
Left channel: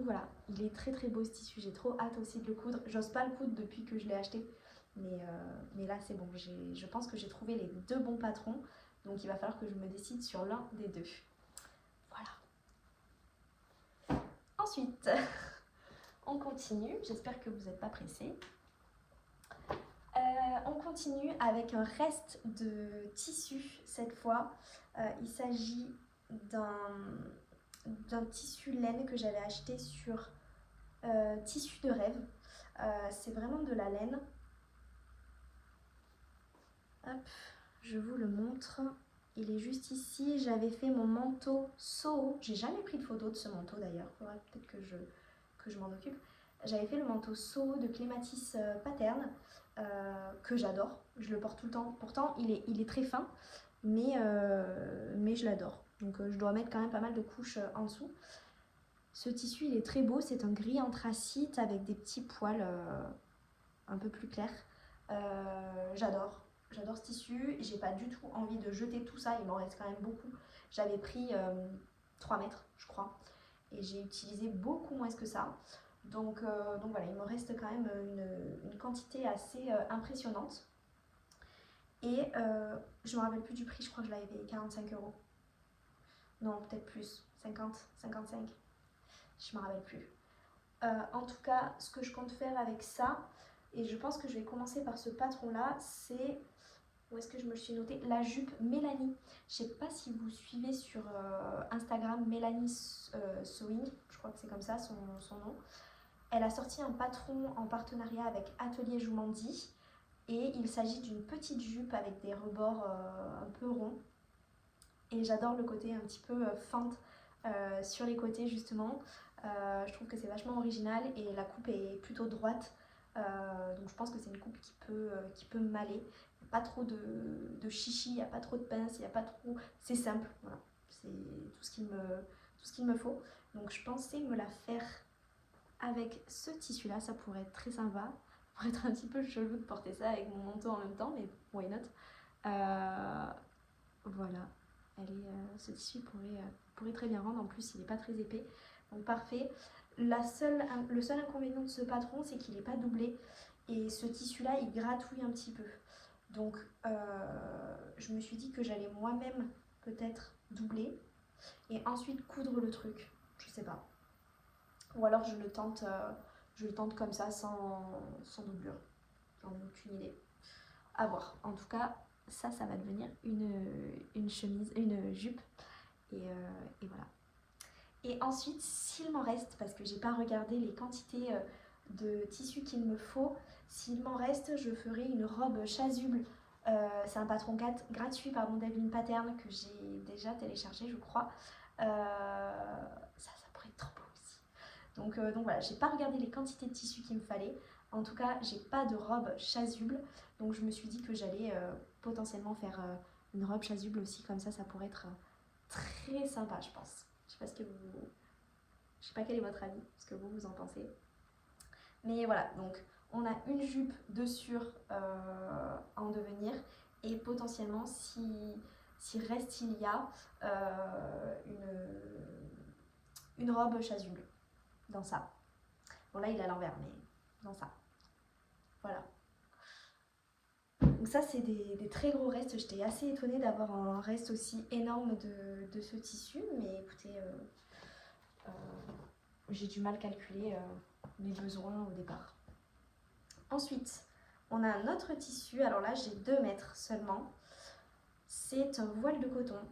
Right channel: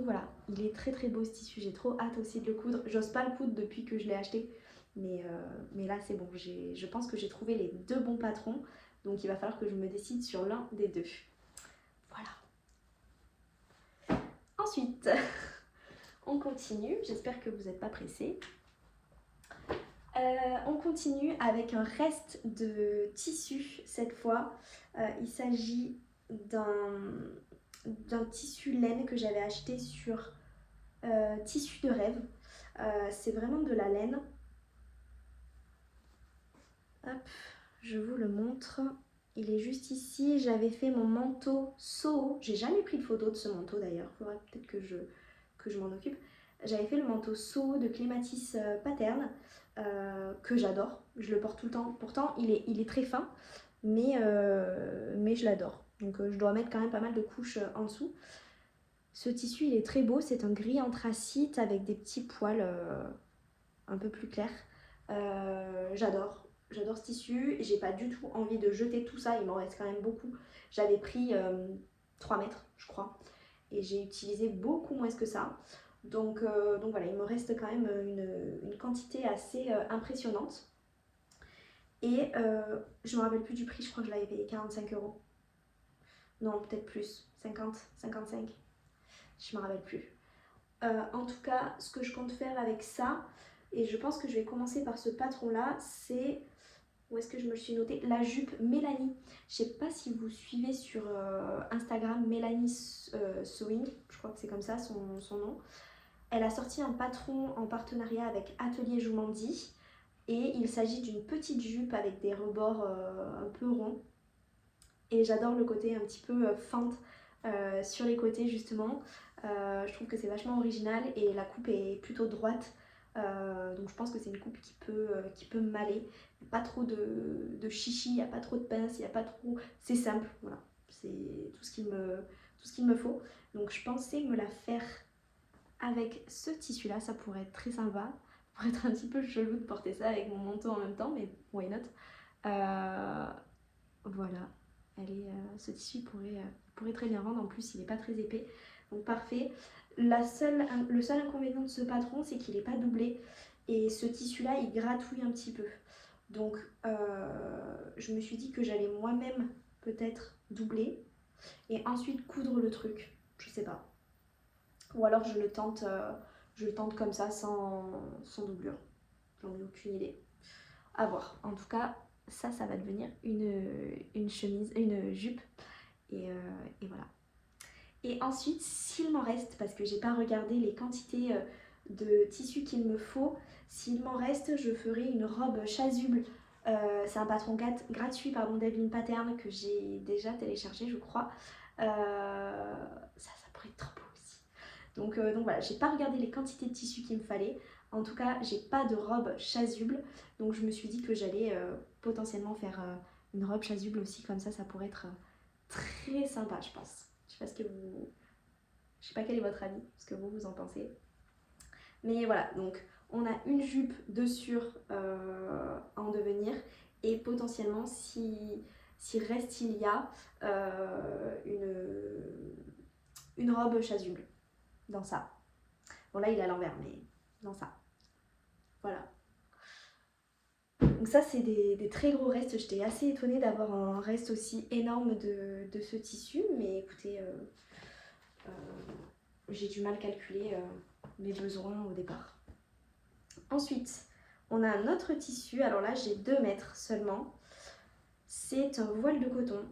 voilà, il est très très beau ce tissu, j'ai trop hâte aussi de le coudre. J'ose pas le coudre depuis que je l'ai acheté, mais là c'est bon, je pense que j'ai trouvé les 2 bons patrons, donc il va falloir que je me décide sur l'un des 2. Voilà. Ensuite, on continue, j'espère que vous n'êtes pas pressés. On continue avec un reste de tissu cette fois. Il s'agit d'un tissu laine que j'avais acheté sur Tissu de rêve. C'est vraiment de la laine. Hop, je vous le montre. Il est juste ici. J'avais fait mon manteau Soho. J'ai jamais pris de photo de ce manteau d'ailleurs. Il faudrait peut-être que je m'en occupe. J'avais fait le manteau Soho de Clématis Pattern que j'adore. Je le porte tout le temps. Pourtant, il est très fin, mais je l'adore. Donc je dois mettre quand même pas mal de couches en dessous. Ce tissu, il est très beau. C'est un gris anthracite avec des petits poils un peu plus clairs. J'adore ce tissu. J'ai pas du tout envie de jeter tout ça. Il m'en reste quand même beaucoup. J'avais pris 3 mètres, je crois. Et j'ai utilisé beaucoup moins que ça. Donc voilà, il me reste quand même une quantité assez impressionnante. Et je me rappelle plus du prix. Je crois que je l'avais payé 45 €. Non, peut-être plus. 50, 55. Je me rappelle plus. En tout cas, ce que je compte faire avec ça, et je pense que je vais commencer par ce patron là, c'est, où est-ce que je me suis notée, la jupe Mélanie. Je sais pas si vous suivez sur Instagram Mélanie Sewing, je crois que c'est comme ça son nom. Elle a sorti un patron en partenariat avec Atelier Joumandi et il s'agit d'une petite jupe avec des rebords un peu ronds. Et j'adore le côté un petit peu feinte sur les côtés justement. Je trouve que c'est vachement original et la coupe est plutôt droite. Donc je pense que c'est une coupe qui peut m'aller. Il n'y a pas trop de chichi, il n'y a pas trop de pince, il n'y a pas trop... C'est simple, voilà. C'est tout ce qu'il me faut. Donc je pensais me la faire avec ce tissu là, ça pourrait être très sympa. Ça pourrait être un petit peu chelou de porter ça avec mon manteau en même temps, mais why not. Voilà. Ce tissu pourrait très bien rendre, en plus il n'est pas très épais, donc parfait. Le seul inconvénient de ce patron, c'est qu'il n'est pas doublé et ce tissu là il gratouille un petit peu, donc je me suis dit que j'allais moi-même peut-être doubler et ensuite coudre le truc, je sais pas, ou alors je le tente comme ça sans doublure, j'en ai aucune idée, à voir. En tout cas ça va devenir une chemise, une jupe. Et voilà. Et ensuite, s'il m'en reste, parce que j'ai pas regardé les quantités de tissu qu'il me faut, s'il m'en reste, je ferai une robe chasuble. C'est un patron gratuit d'Evelyne Pattern que j'ai déjà téléchargé, je crois. Ça pourrait être trop beau aussi. Donc voilà, j'ai pas regardé les quantités de tissu qu'il me fallait. En tout cas, j'ai pas de robe chasuble. Donc je me suis dit que j'allais potentiellement faire une robe chasuble aussi, comme ça pourrait être très sympa, je pense. Je sais pas quel est votre avis, ce que vous en pensez. Mais voilà, donc on a une jupe de sur en devenir et potentiellement si reste il y a une robe chasuble dans ça. Bon là il est à l'envers, mais dans ça. Voilà. Donc ça c'est des très gros restes. J'étais assez étonnée d'avoir un reste aussi énorme de ce tissu, mais écoutez, j'ai du mal calculer mes besoins au départ. Ensuite, on a un autre tissu. Alors là j'ai 2 mètres seulement. C'est un voile de coton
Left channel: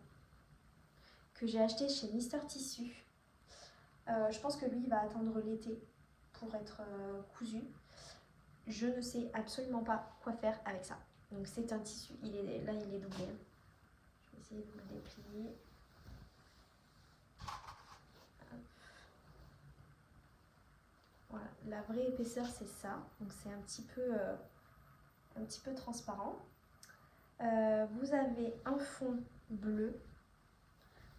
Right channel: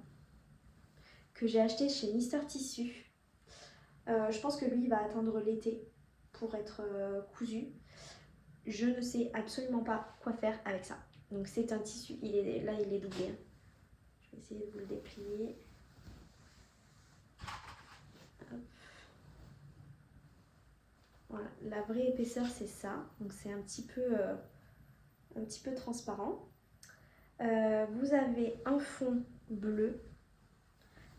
que j'ai acheté chez Mister Tissu. Je pense que lui il va attendre l'été pour être cousu. Je ne sais absolument pas quoi faire avec ça. Donc c'est un tissu, il est doublé. Je vais essayer de vous le déplier. Hop. Voilà, la vraie épaisseur c'est ça. Donc c'est un petit peu transparent. Vous avez un fond bleu.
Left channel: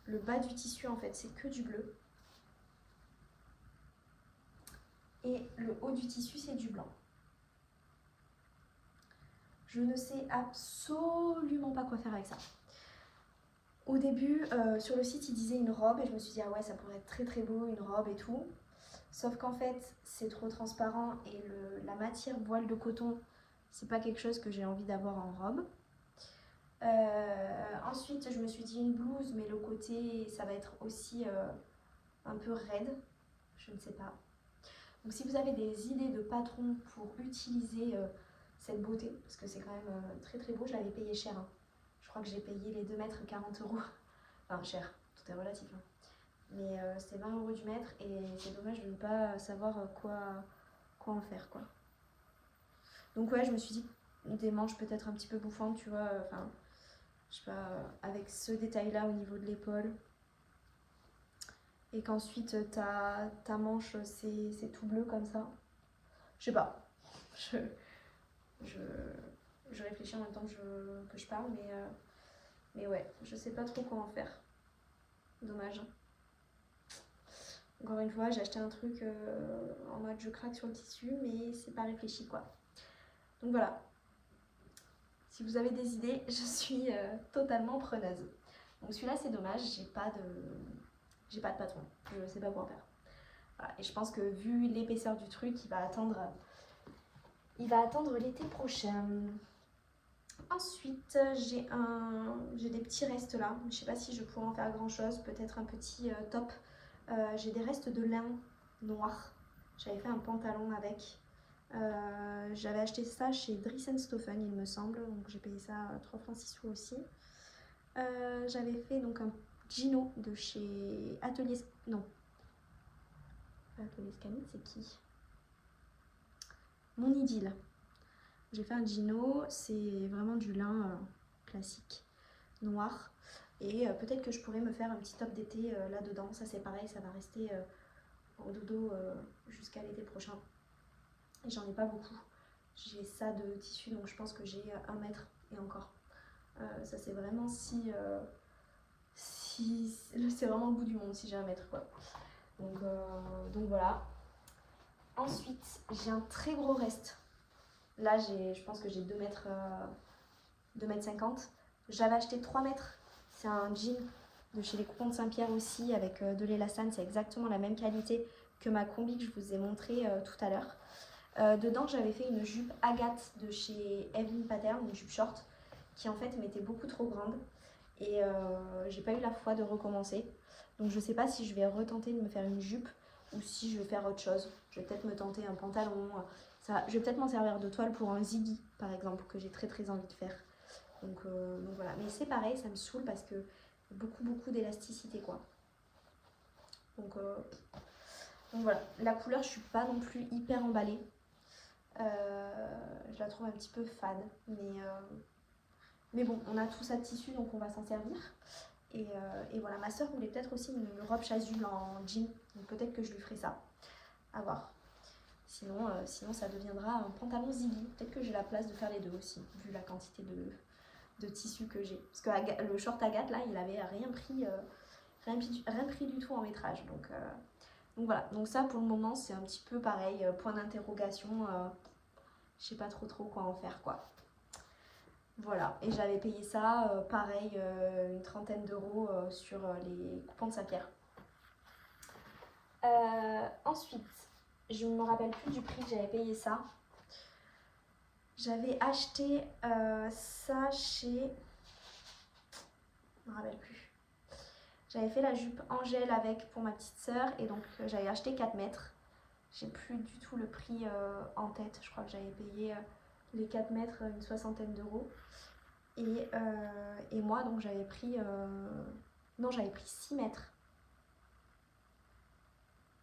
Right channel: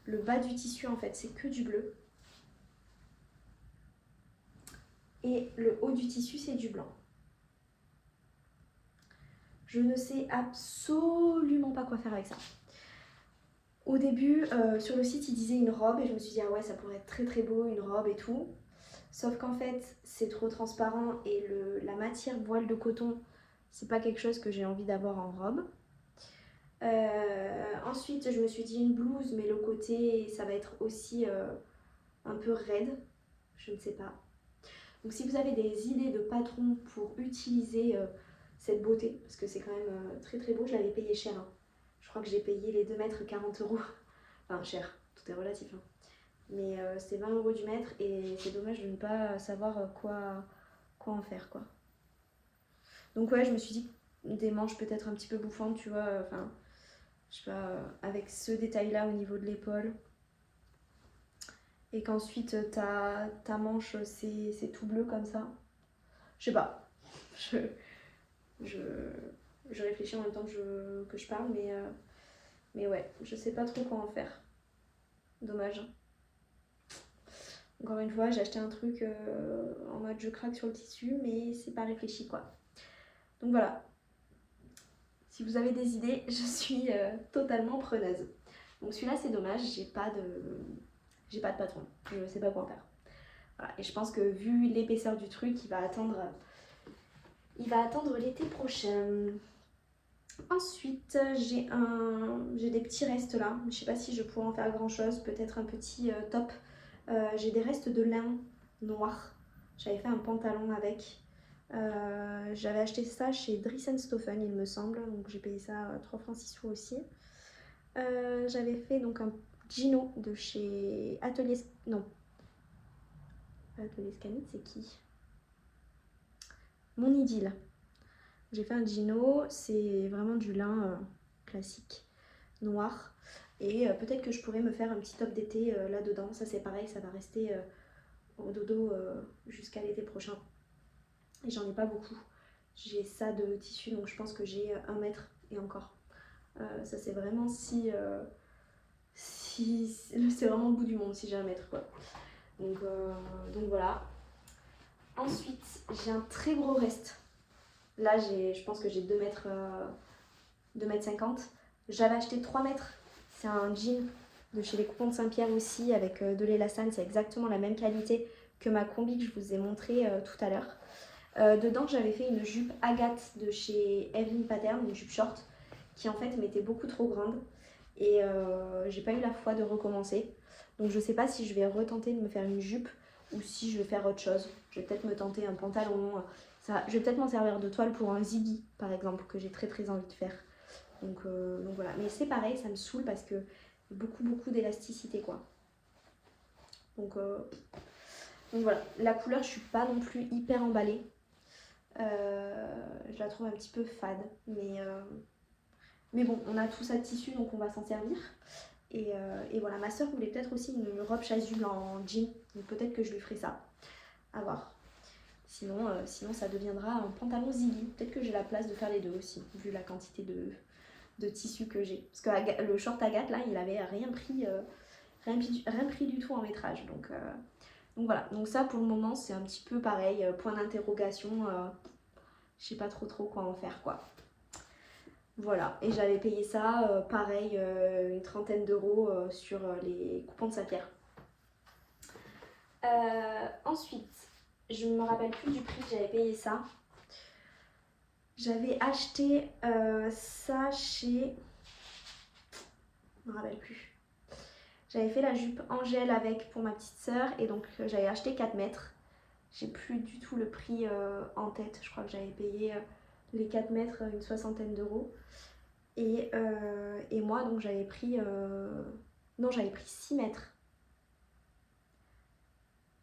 Le bas du tissu en fait c'est que du bleu. Et le haut du tissu c'est du blanc. Je ne sais absolument pas quoi faire avec ça. Au début, sur le site, il disait une robe et je me suis dit ah ouais, ça pourrait être très très beau, une robe et tout. Sauf qu'en fait, c'est trop transparent et la matière voile de coton, c'est pas quelque chose que j'ai envie d'avoir en robe. Ensuite, je me suis dit une blouse, mais le côté, ça va être aussi un peu raide. Je ne sais pas. Donc si vous avez des idées de patrons pour utiliser cette beauté, parce que c'est quand même très très beau, je l'avais payé cher. Hein. Je crois que j'ai payé les 2 mètres 40 €. Enfin cher, tout est relatif. Hein. Mais c'est 20 € du mètre et c'est dommage de ne pas savoir quoi en faire quoi. Donc ouais, je me suis dit des manches peut-être un petit peu bouffantes, tu vois, enfin, je sais pas, avec ce détail-là au niveau de l'épaule. Et qu'ensuite ta manche c'est tout bleu comme ça. Je sais pas. Je réfléchis en même temps que je parle, mais ouais, je sais pas trop quoi en faire. Dommage. Encore une fois, j'ai acheté un truc en mode je craque sur le tissu, mais c'est pas réfléchi quoi. Donc voilà. Si vous avez des idées, je suis totalement preneuse. Donc celui-là c'est dommage, j'ai pas de patron, je sais pas quoi en faire. Voilà. Et je pense que vu l'épaisseur du truc, il va attendre l'été prochain. Ensuite, j'ai des petits restes là. Je sais pas si je pourrais en faire grand chose, peut-être un petit top. J'ai des restes de lin noir. J'avais fait un pantalon avec. J'avais acheté ça chez Dries & Stoffen, il me semble. Donc j'ai payé ça 3 francs 6 sous aussi. J'avais fait donc un Gino de chez Atelier... Non. Atelier Scanit, c'est qui? Mon Idylle. J'ai fait un Gino, c'est vraiment du lin classique, noir. Et peut-être que je pourrais me faire un petit top d'été là-dedans. Ça c'est pareil, ça va rester au dodo jusqu'à l'été prochain. Et j'en ai pas beaucoup. J'ai ça de tissu, donc je pense que j'ai 1 mètre et encore. Ça c'est vraiment si c'est vraiment le bout du monde si j'ai 1 mètre quoi. Donc voilà. Ensuite, j'ai un très gros reste. Là, je pense que j'ai 2 mètres, 2,50 m. J'avais acheté 3 mètres. C'est un jean de chez les Coupons de Saint-Pierre aussi, avec de l'élastane. C'est exactement la même qualité que ma combi que je vous ai montré tout à l'heure. Dedans, j'avais fait une jupe Agathe de chez Evelyn Pattern, une jupe short, qui en fait m'était beaucoup trop grande. Et j'ai pas eu la foi de recommencer. Donc je sais pas si je vais retenter de me faire une jupe ou si je vais faire autre chose. Je vais peut-être me tenter un pantalon. Je vais peut-être m'en servir de toile pour un ziggy par exemple, que j'ai très envie de faire. Donc voilà. Mais c'est pareil, ça me saoule parce que beaucoup d'élasticité quoi. Donc voilà. La couleur, je suis pas non plus hyper emballée. Je la trouve un petit peu fade. Mais bon, on a tout ça de tissu donc on va s'en servir. Et voilà, ma soeur voulait peut-être aussi une robe chasuble en jean. Donc peut-être que je lui ferai ça. À voir. Sinon ça deviendra un pantalon ziggy. Peut-être que j'ai la place de faire les deux aussi, vu la quantité de tissu que j'ai. Parce que le short Agathe, là, il avait rien pris du tout en métrage. Donc voilà. Donc ça, pour le moment, c'est un petit peu pareil. Point d'interrogation. Je sais pas trop quoi en faire, quoi. Voilà. Et j'avais payé ça, pareil, une 30aine d'euros sur les Coupons de Saint-Pierre. Ensuite, je ne me rappelle plus du prix que j'avais payé ça. J'avais acheté ça chez... Je me rappelle plus. J'avais fait la jupe Angèle avec pour ma petite sœur et donc j'avais acheté 4 mètres. J'ai plus du tout le prix en tête. Je crois que j'avais payé les 4 mètres une 60aine d'euros. Et moi donc j'avais pris... Non, j'avais pris 6 mètres.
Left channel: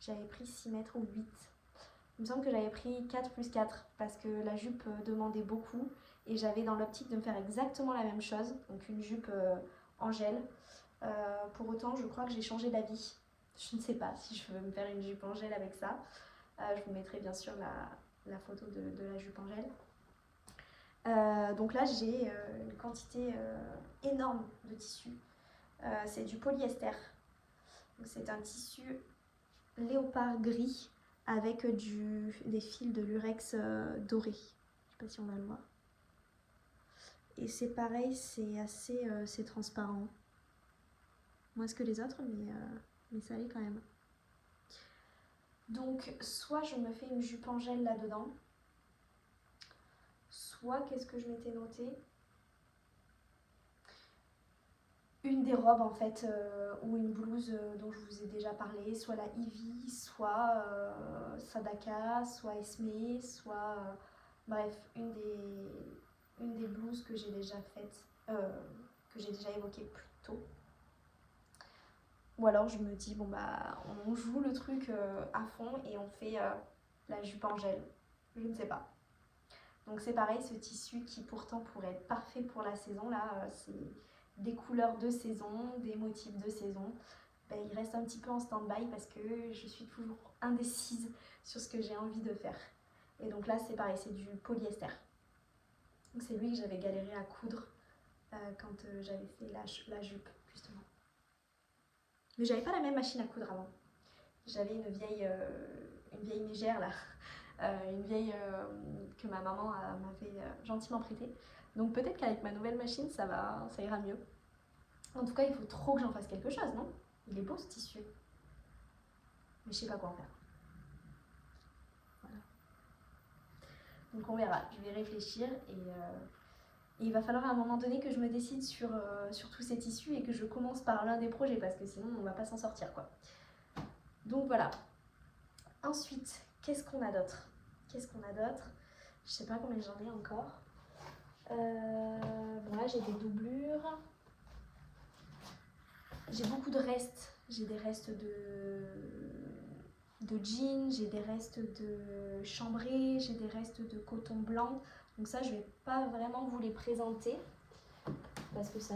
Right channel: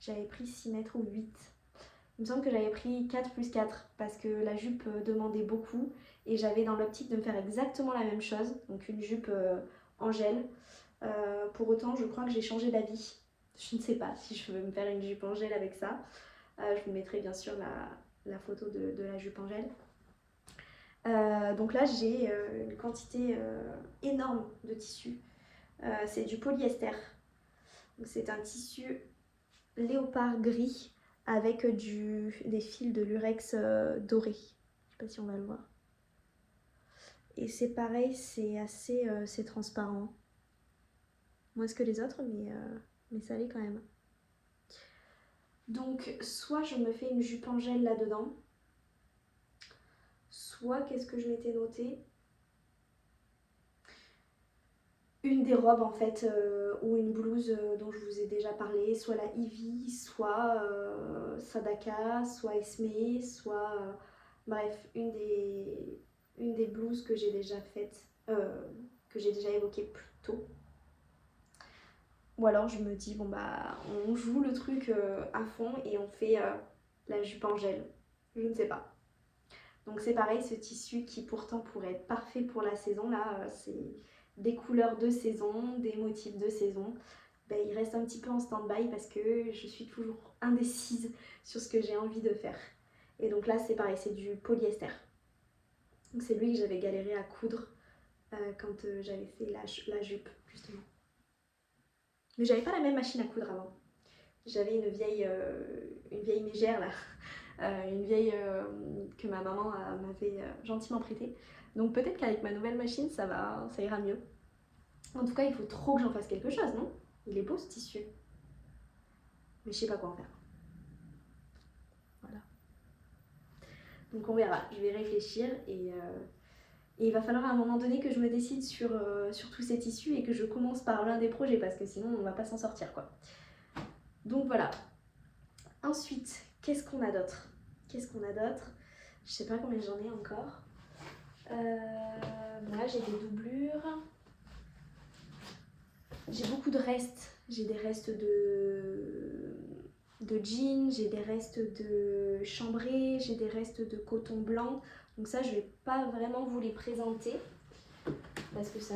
J'avais pris 6 mètres ou 8. Il me semble que j'avais pris 4 plus 4 parce que la jupe demandait beaucoup et j'avais dans l'optique de me faire exactement la même chose, donc une jupe Angèle. Pour autant, je crois que j'ai changé d'avis. Je ne sais pas si je veux me faire une jupe Angèle avec ça. Je vous mettrai bien sûr la photo de la jupe Angèle. Donc là, j'ai une quantité énorme de tissu. C'est du polyester. C'est un tissu léopard gris avec des fils de lurex doré. Je sais pas si on va le voir. Et c'est pareil, c'est assez c'est transparent. Moins que les autres, mais ça l'est quand même. Donc soit je me fais une jupe Angèle là-dedans, soit qu'est-ce que je m'étais noté, une des robes en fait, ou une blouse dont je vous ai déjà parlé, soit la Ivy, soit Sadaka, soit Esme, soit bref, une des blouses que j'ai déjà faites, que j'ai déjà évoquées plus tôt. Ou alors je me dis bon bah on joue le truc à fond et on fait la jupe en gel. Je ne sais pas. Donc c'est pareil, ce tissu qui pourtant pourrait être parfait pour la saison, là c'est des couleurs de saison, des motifs de saison. Ben, il reste un petit peu en stand-by parce que je suis toujours indécise sur ce que j'ai envie de faire. Et donc là c'est pareil, c'est du polyester. Donc c'est lui que j'avais galéré à coudre quand j'avais fait la jupe justement. Mais j'avais pas la même machine à coudre avant. J'avais une vieille mégère là, une vieille que ma maman m'avait gentiment prêtée. Donc peut-être qu'avec ma nouvelle machine ça ira mieux. En tout cas il faut trop que j'en fasse quelque chose, non? Il est beau ce tissu. Mais je sais pas quoi en faire. Voilà. Donc on verra, je vais réfléchir et il va falloir à un moment donné que je me décide sur tous ces tissus et que je commence par l'un des projets parce que sinon on va pas s'en sortir quoi. Donc voilà. Ensuite, qu'est-ce qu'on a d'autre? Je sais pas combien j'en ai encore. Là j'ai des doublures. J'ai beaucoup de restes. J'ai des restes de jeans, j'ai des restes de chambré, j'ai des restes de coton blanc. Donc ça je vais pas vraiment vous les présenter parce que ça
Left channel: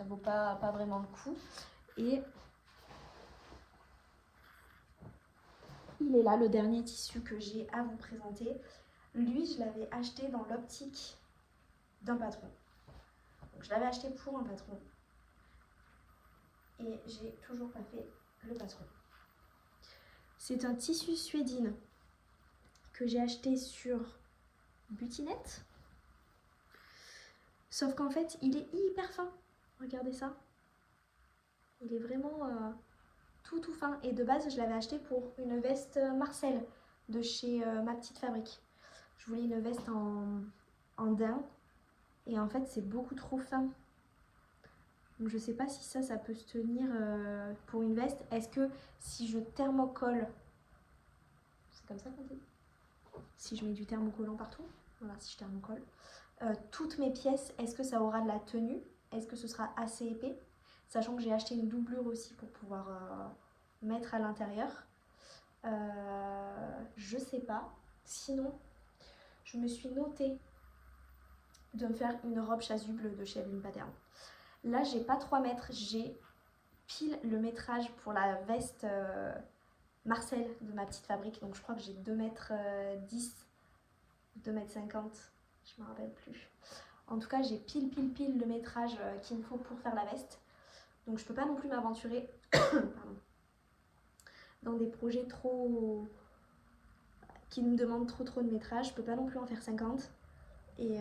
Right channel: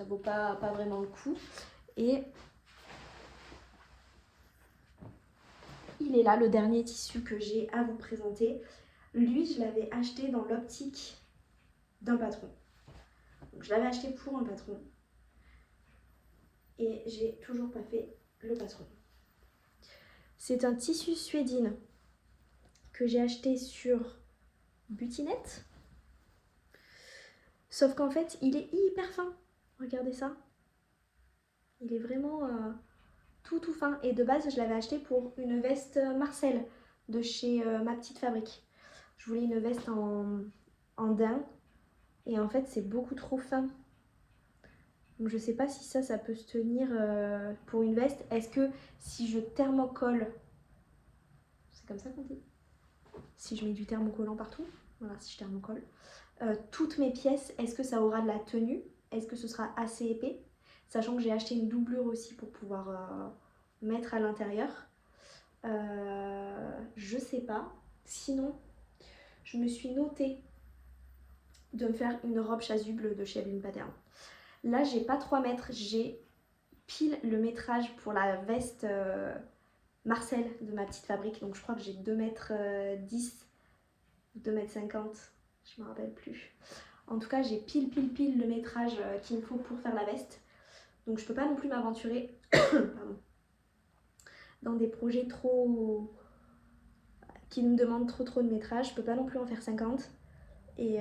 vaut pas vraiment le coup. Et il est là le dernier tissu que j'ai à vous présenter. Lui je l'avais acheté dans l'optique d'un patron. Donc je l'avais acheté pour un patron. Et j'ai toujours pas fait le patron. C'est un tissu suédine que j'ai acheté sur Butinette. Sauf qu'en fait, il est hyper fin. Regardez ça. Il est vraiment tout fin. Et de base, je l'avais acheté pour une veste Marcel de chez Ma Petite Fabrique. Je voulais une veste en daim. Et en fait, c'est beaucoup trop fin. Donc je sais pas si ça peut se tenir pour une veste. Est-ce que si je thermocolle, c'est comme ça qu'on dit? Si je mets du thermocollant partout, voilà, si je thermocolle, toutes mes pièces, est-ce que ça aura de la tenue? Est-ce que ce sera assez épais? Sachant que j'ai acheté une doublure aussi pour pouvoir mettre à l'intérieur. Je sais pas. Sinon, je me suis notée de me faire une robe chasuble de chez Evelyne Pattern. Là, j'ai pas 3 mètres, j'ai pile le métrage pour la veste Marcel de Ma Petite Fabrique. Donc je crois que j'ai 2 mètres 10, 2 mètres 50, je me rappelle plus. En tout cas, j'ai pile le métrage qu'il me faut pour faire la veste. Donc je peux pas non plus m'aventurer dans des projets qui me demandent trop de métrage. Je peux pas non plus en faire 50. Et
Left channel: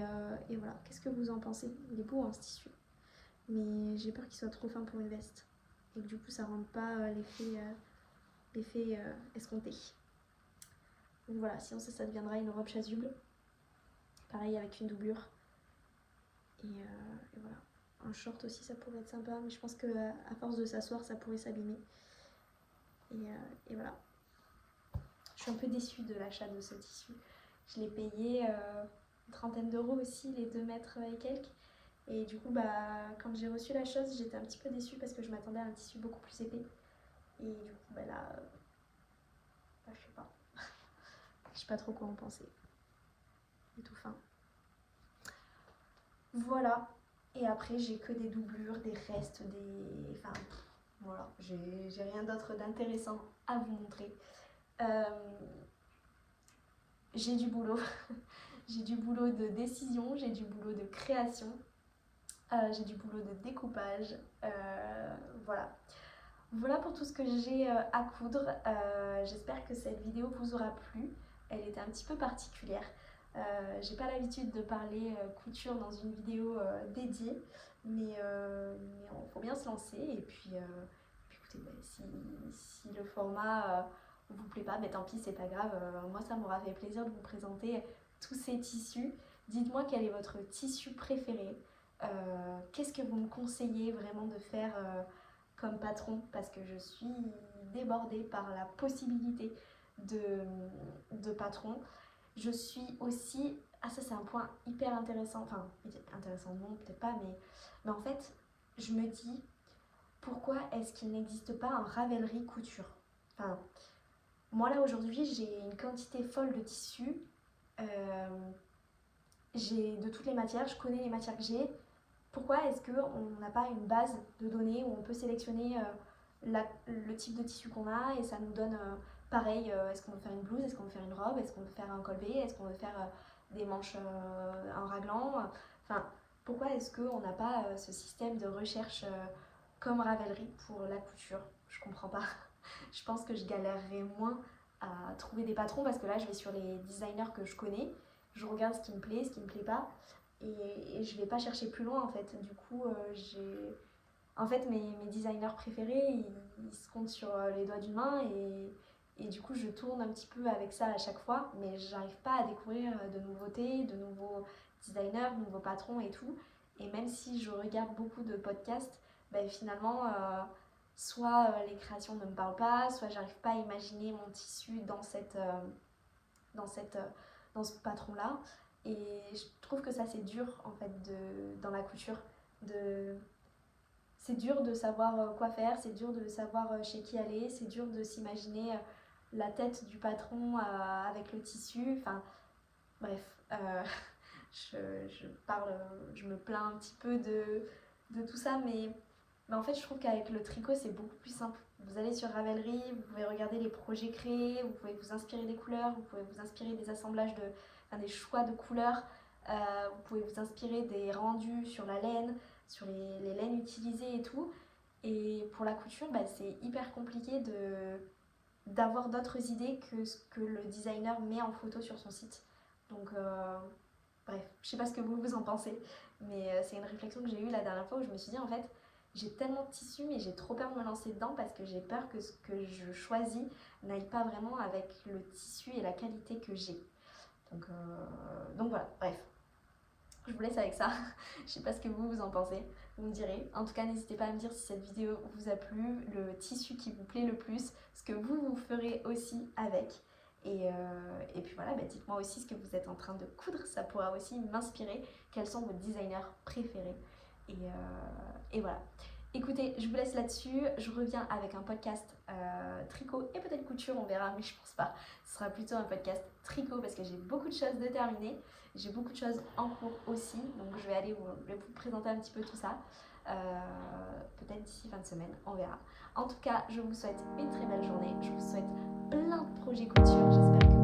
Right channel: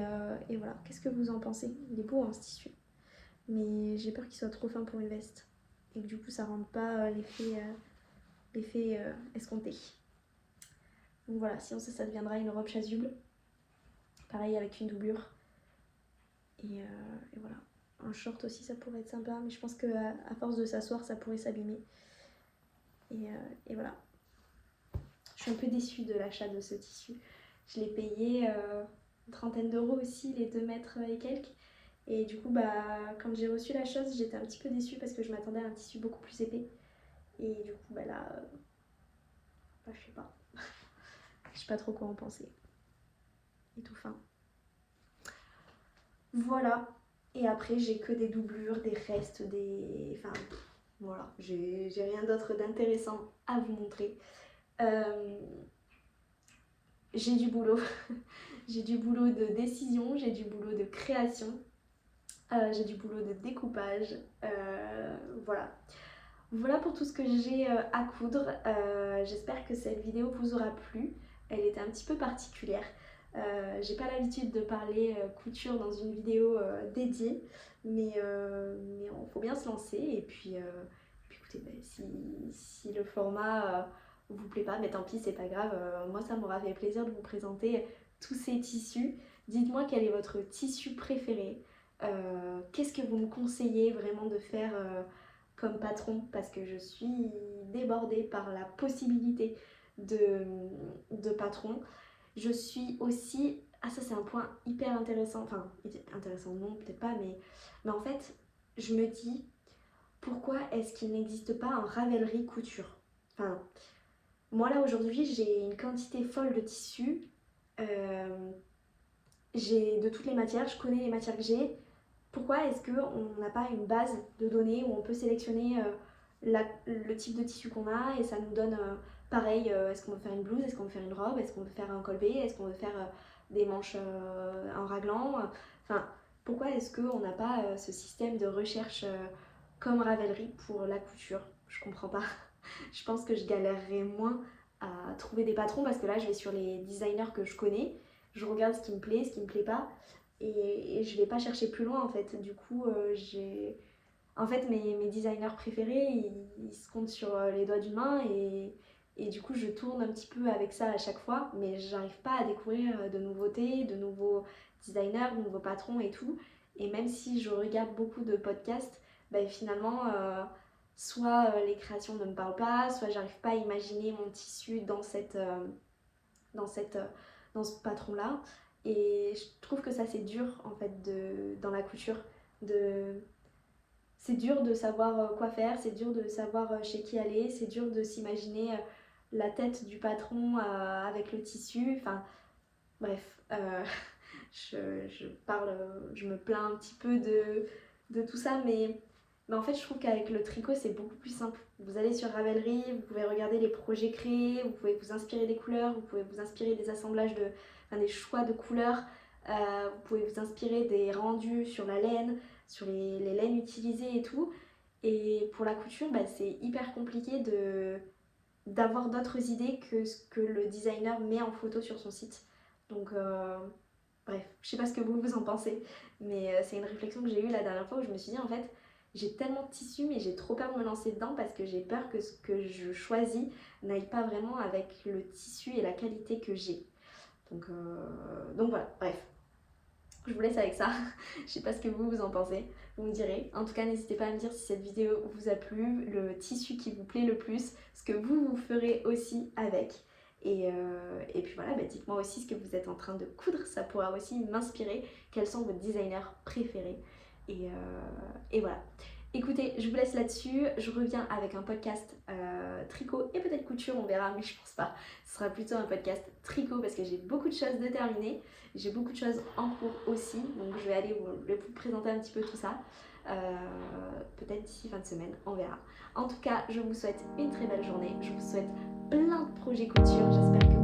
voilà, qu'est-ce que vous en pensez? Il est beau hein, ce tissu. Mais j'ai peur qu'il soit trop fin pour une veste. Et que du coup ça rende pas l'effet escompté. Donc voilà, sinon ça deviendra une robe chasuble. Pareil avec une doublure. Et voilà. Un short aussi ça pourrait être sympa, mais je pense qu'à force de s'asseoir ça pourrait s'abîmer. Et voilà. Je suis un peu déçue de l'achat de ce tissu. Je l'ai payé une trentaine d'euros aussi, les 2 mètres et quelques. Et du coup, quand j'ai reçu la chose, j'étais un petit peu déçue parce que je m'attendais à un tissu beaucoup plus épais. Et du coup, là, je sais pas. Je sais pas trop quoi en penser. Et tout fin. Voilà. Et après, j'ai que des doublures, des restes, enfin, voilà. J'ai rien d'autre d'intéressant à vous montrer. J'ai du boulot. J'ai du boulot de décision, j'ai du boulot de création. J'ai du boulot de découpage, voilà. Voilà pour tout ce que j'ai à coudre. J'espère que cette vidéo vous aura plu. Elle était un petit peu particulière. J'ai pas l'habitude de parler couture dans une vidéo dédiée, mais il faut bien se lancer. Et puis écoutez, si le format vous plaît pas, tant pis, c'est pas grave. Moi, ça m'aura fait plaisir de vous présenter tous ces tissus. Dites-moi quel est votre tissu préféré. Qu'est-ce que vous me conseillez vraiment de faire comme patron, parce que je suis débordée par la possibilité de patron. Je suis aussi, ça c'est un point hyper intéressant, enfin intéressant non peut-être pas, mais en fait je me dis pourquoi est-ce qu'il n'existe pas un Ravelry couture? Enfin, moi là aujourd'hui j'ai une quantité folle de tissus, j'ai de toutes les matières, je connais les matières que j'ai. Pourquoi est-ce qu'on n'a pas une base de données où on peut sélectionner le type de tissu qu'on a et ça nous donne pareil, est-ce qu'on veut faire une blouse, est-ce qu'on veut faire une robe, est-ce qu'on veut faire un col B, est-ce qu'on veut faire des manches en raglan, enfin pourquoi est-ce qu'on n'a pas ce système de recherche comme Ravelry pour la couture? Je comprends pas. Je pense que je galérerais moins à trouver des patrons parce que là je vais sur les designers que je connais, je regarde ce qui me plaît, ce qui me plaît pas et je vais pas chercher plus loin en fait. Du coup j'ai... En fait mes designers préférés ils se comptent sur les doigts d'une main et du coup je tourne un petit peu avec ça à chaque fois mais j'arrive pas à découvrir de nouveautés, de nouveaux designers, de nouveaux patrons et tout. Et même si je regarde beaucoup de podcasts, ben finalement soit les créations ne me parlent pas, soit j'arrive pas à imaginer mon tissu dans, cette, dans ce patron-là. Et je trouve que ça c'est dur en fait dans la couture. C'est dur de savoir quoi faire, c'est dur de savoir chez qui aller, c'est dur de s'imaginer la tête du patron avec le tissu. Enfin bref, je me plains un petit peu de tout ça, mais en fait, je trouve qu'avec le tricot, c'est beaucoup plus simple. Vous allez sur Ravelry, vous pouvez regarder les projets créés, vous pouvez vous inspirer des couleurs, vous pouvez vous inspirer des assemblages, des choix de couleurs, vous pouvez vous inspirer des rendus sur la laine, sur les laines utilisées et tout. Et pour la couture, bah, c'est hyper compliqué d'avoir d'autres idées que ce que le designer met en photo sur son site. Donc, bref, je sais pas ce que vous en pensez, mais c'est une réflexion que j'ai eue la dernière fois où je me suis dit en fait, j'ai tellement de tissus mais j'ai trop peur de me lancer dedans parce que j'ai peur que ce que je choisis n'aille pas vraiment avec le tissu et la qualité que j'ai. Donc voilà, bref. Je vous laisse avec ça. Je sais pas ce que vous en pensez. Vous me direz. En tout cas, n'hésitez pas à me dire si cette vidéo vous a plu, le tissu qui vous plaît le plus, ce que vous ferez aussi avec. Et puis voilà, bah dites-moi aussi ce que vous êtes en train de coudre. Ça pourra aussi m'inspirer. Quels sont vos designers préférés. Et voilà. Écoutez, je vous laisse là-dessus. Je reviens avec un podcast tricot et peut-être couture, on verra, mais je pense pas. Ce sera plutôt un podcast tricot parce que j'ai beaucoup de choses déterminées. J'ai beaucoup de choses en cours aussi, donc je vais aller vous présenter un petit peu tout ça. Peut-être d'ici fin de semaine, on verra. En tout cas, je vous souhaite une très belle journée. Je vous souhaite plein de projets couture. J'espère que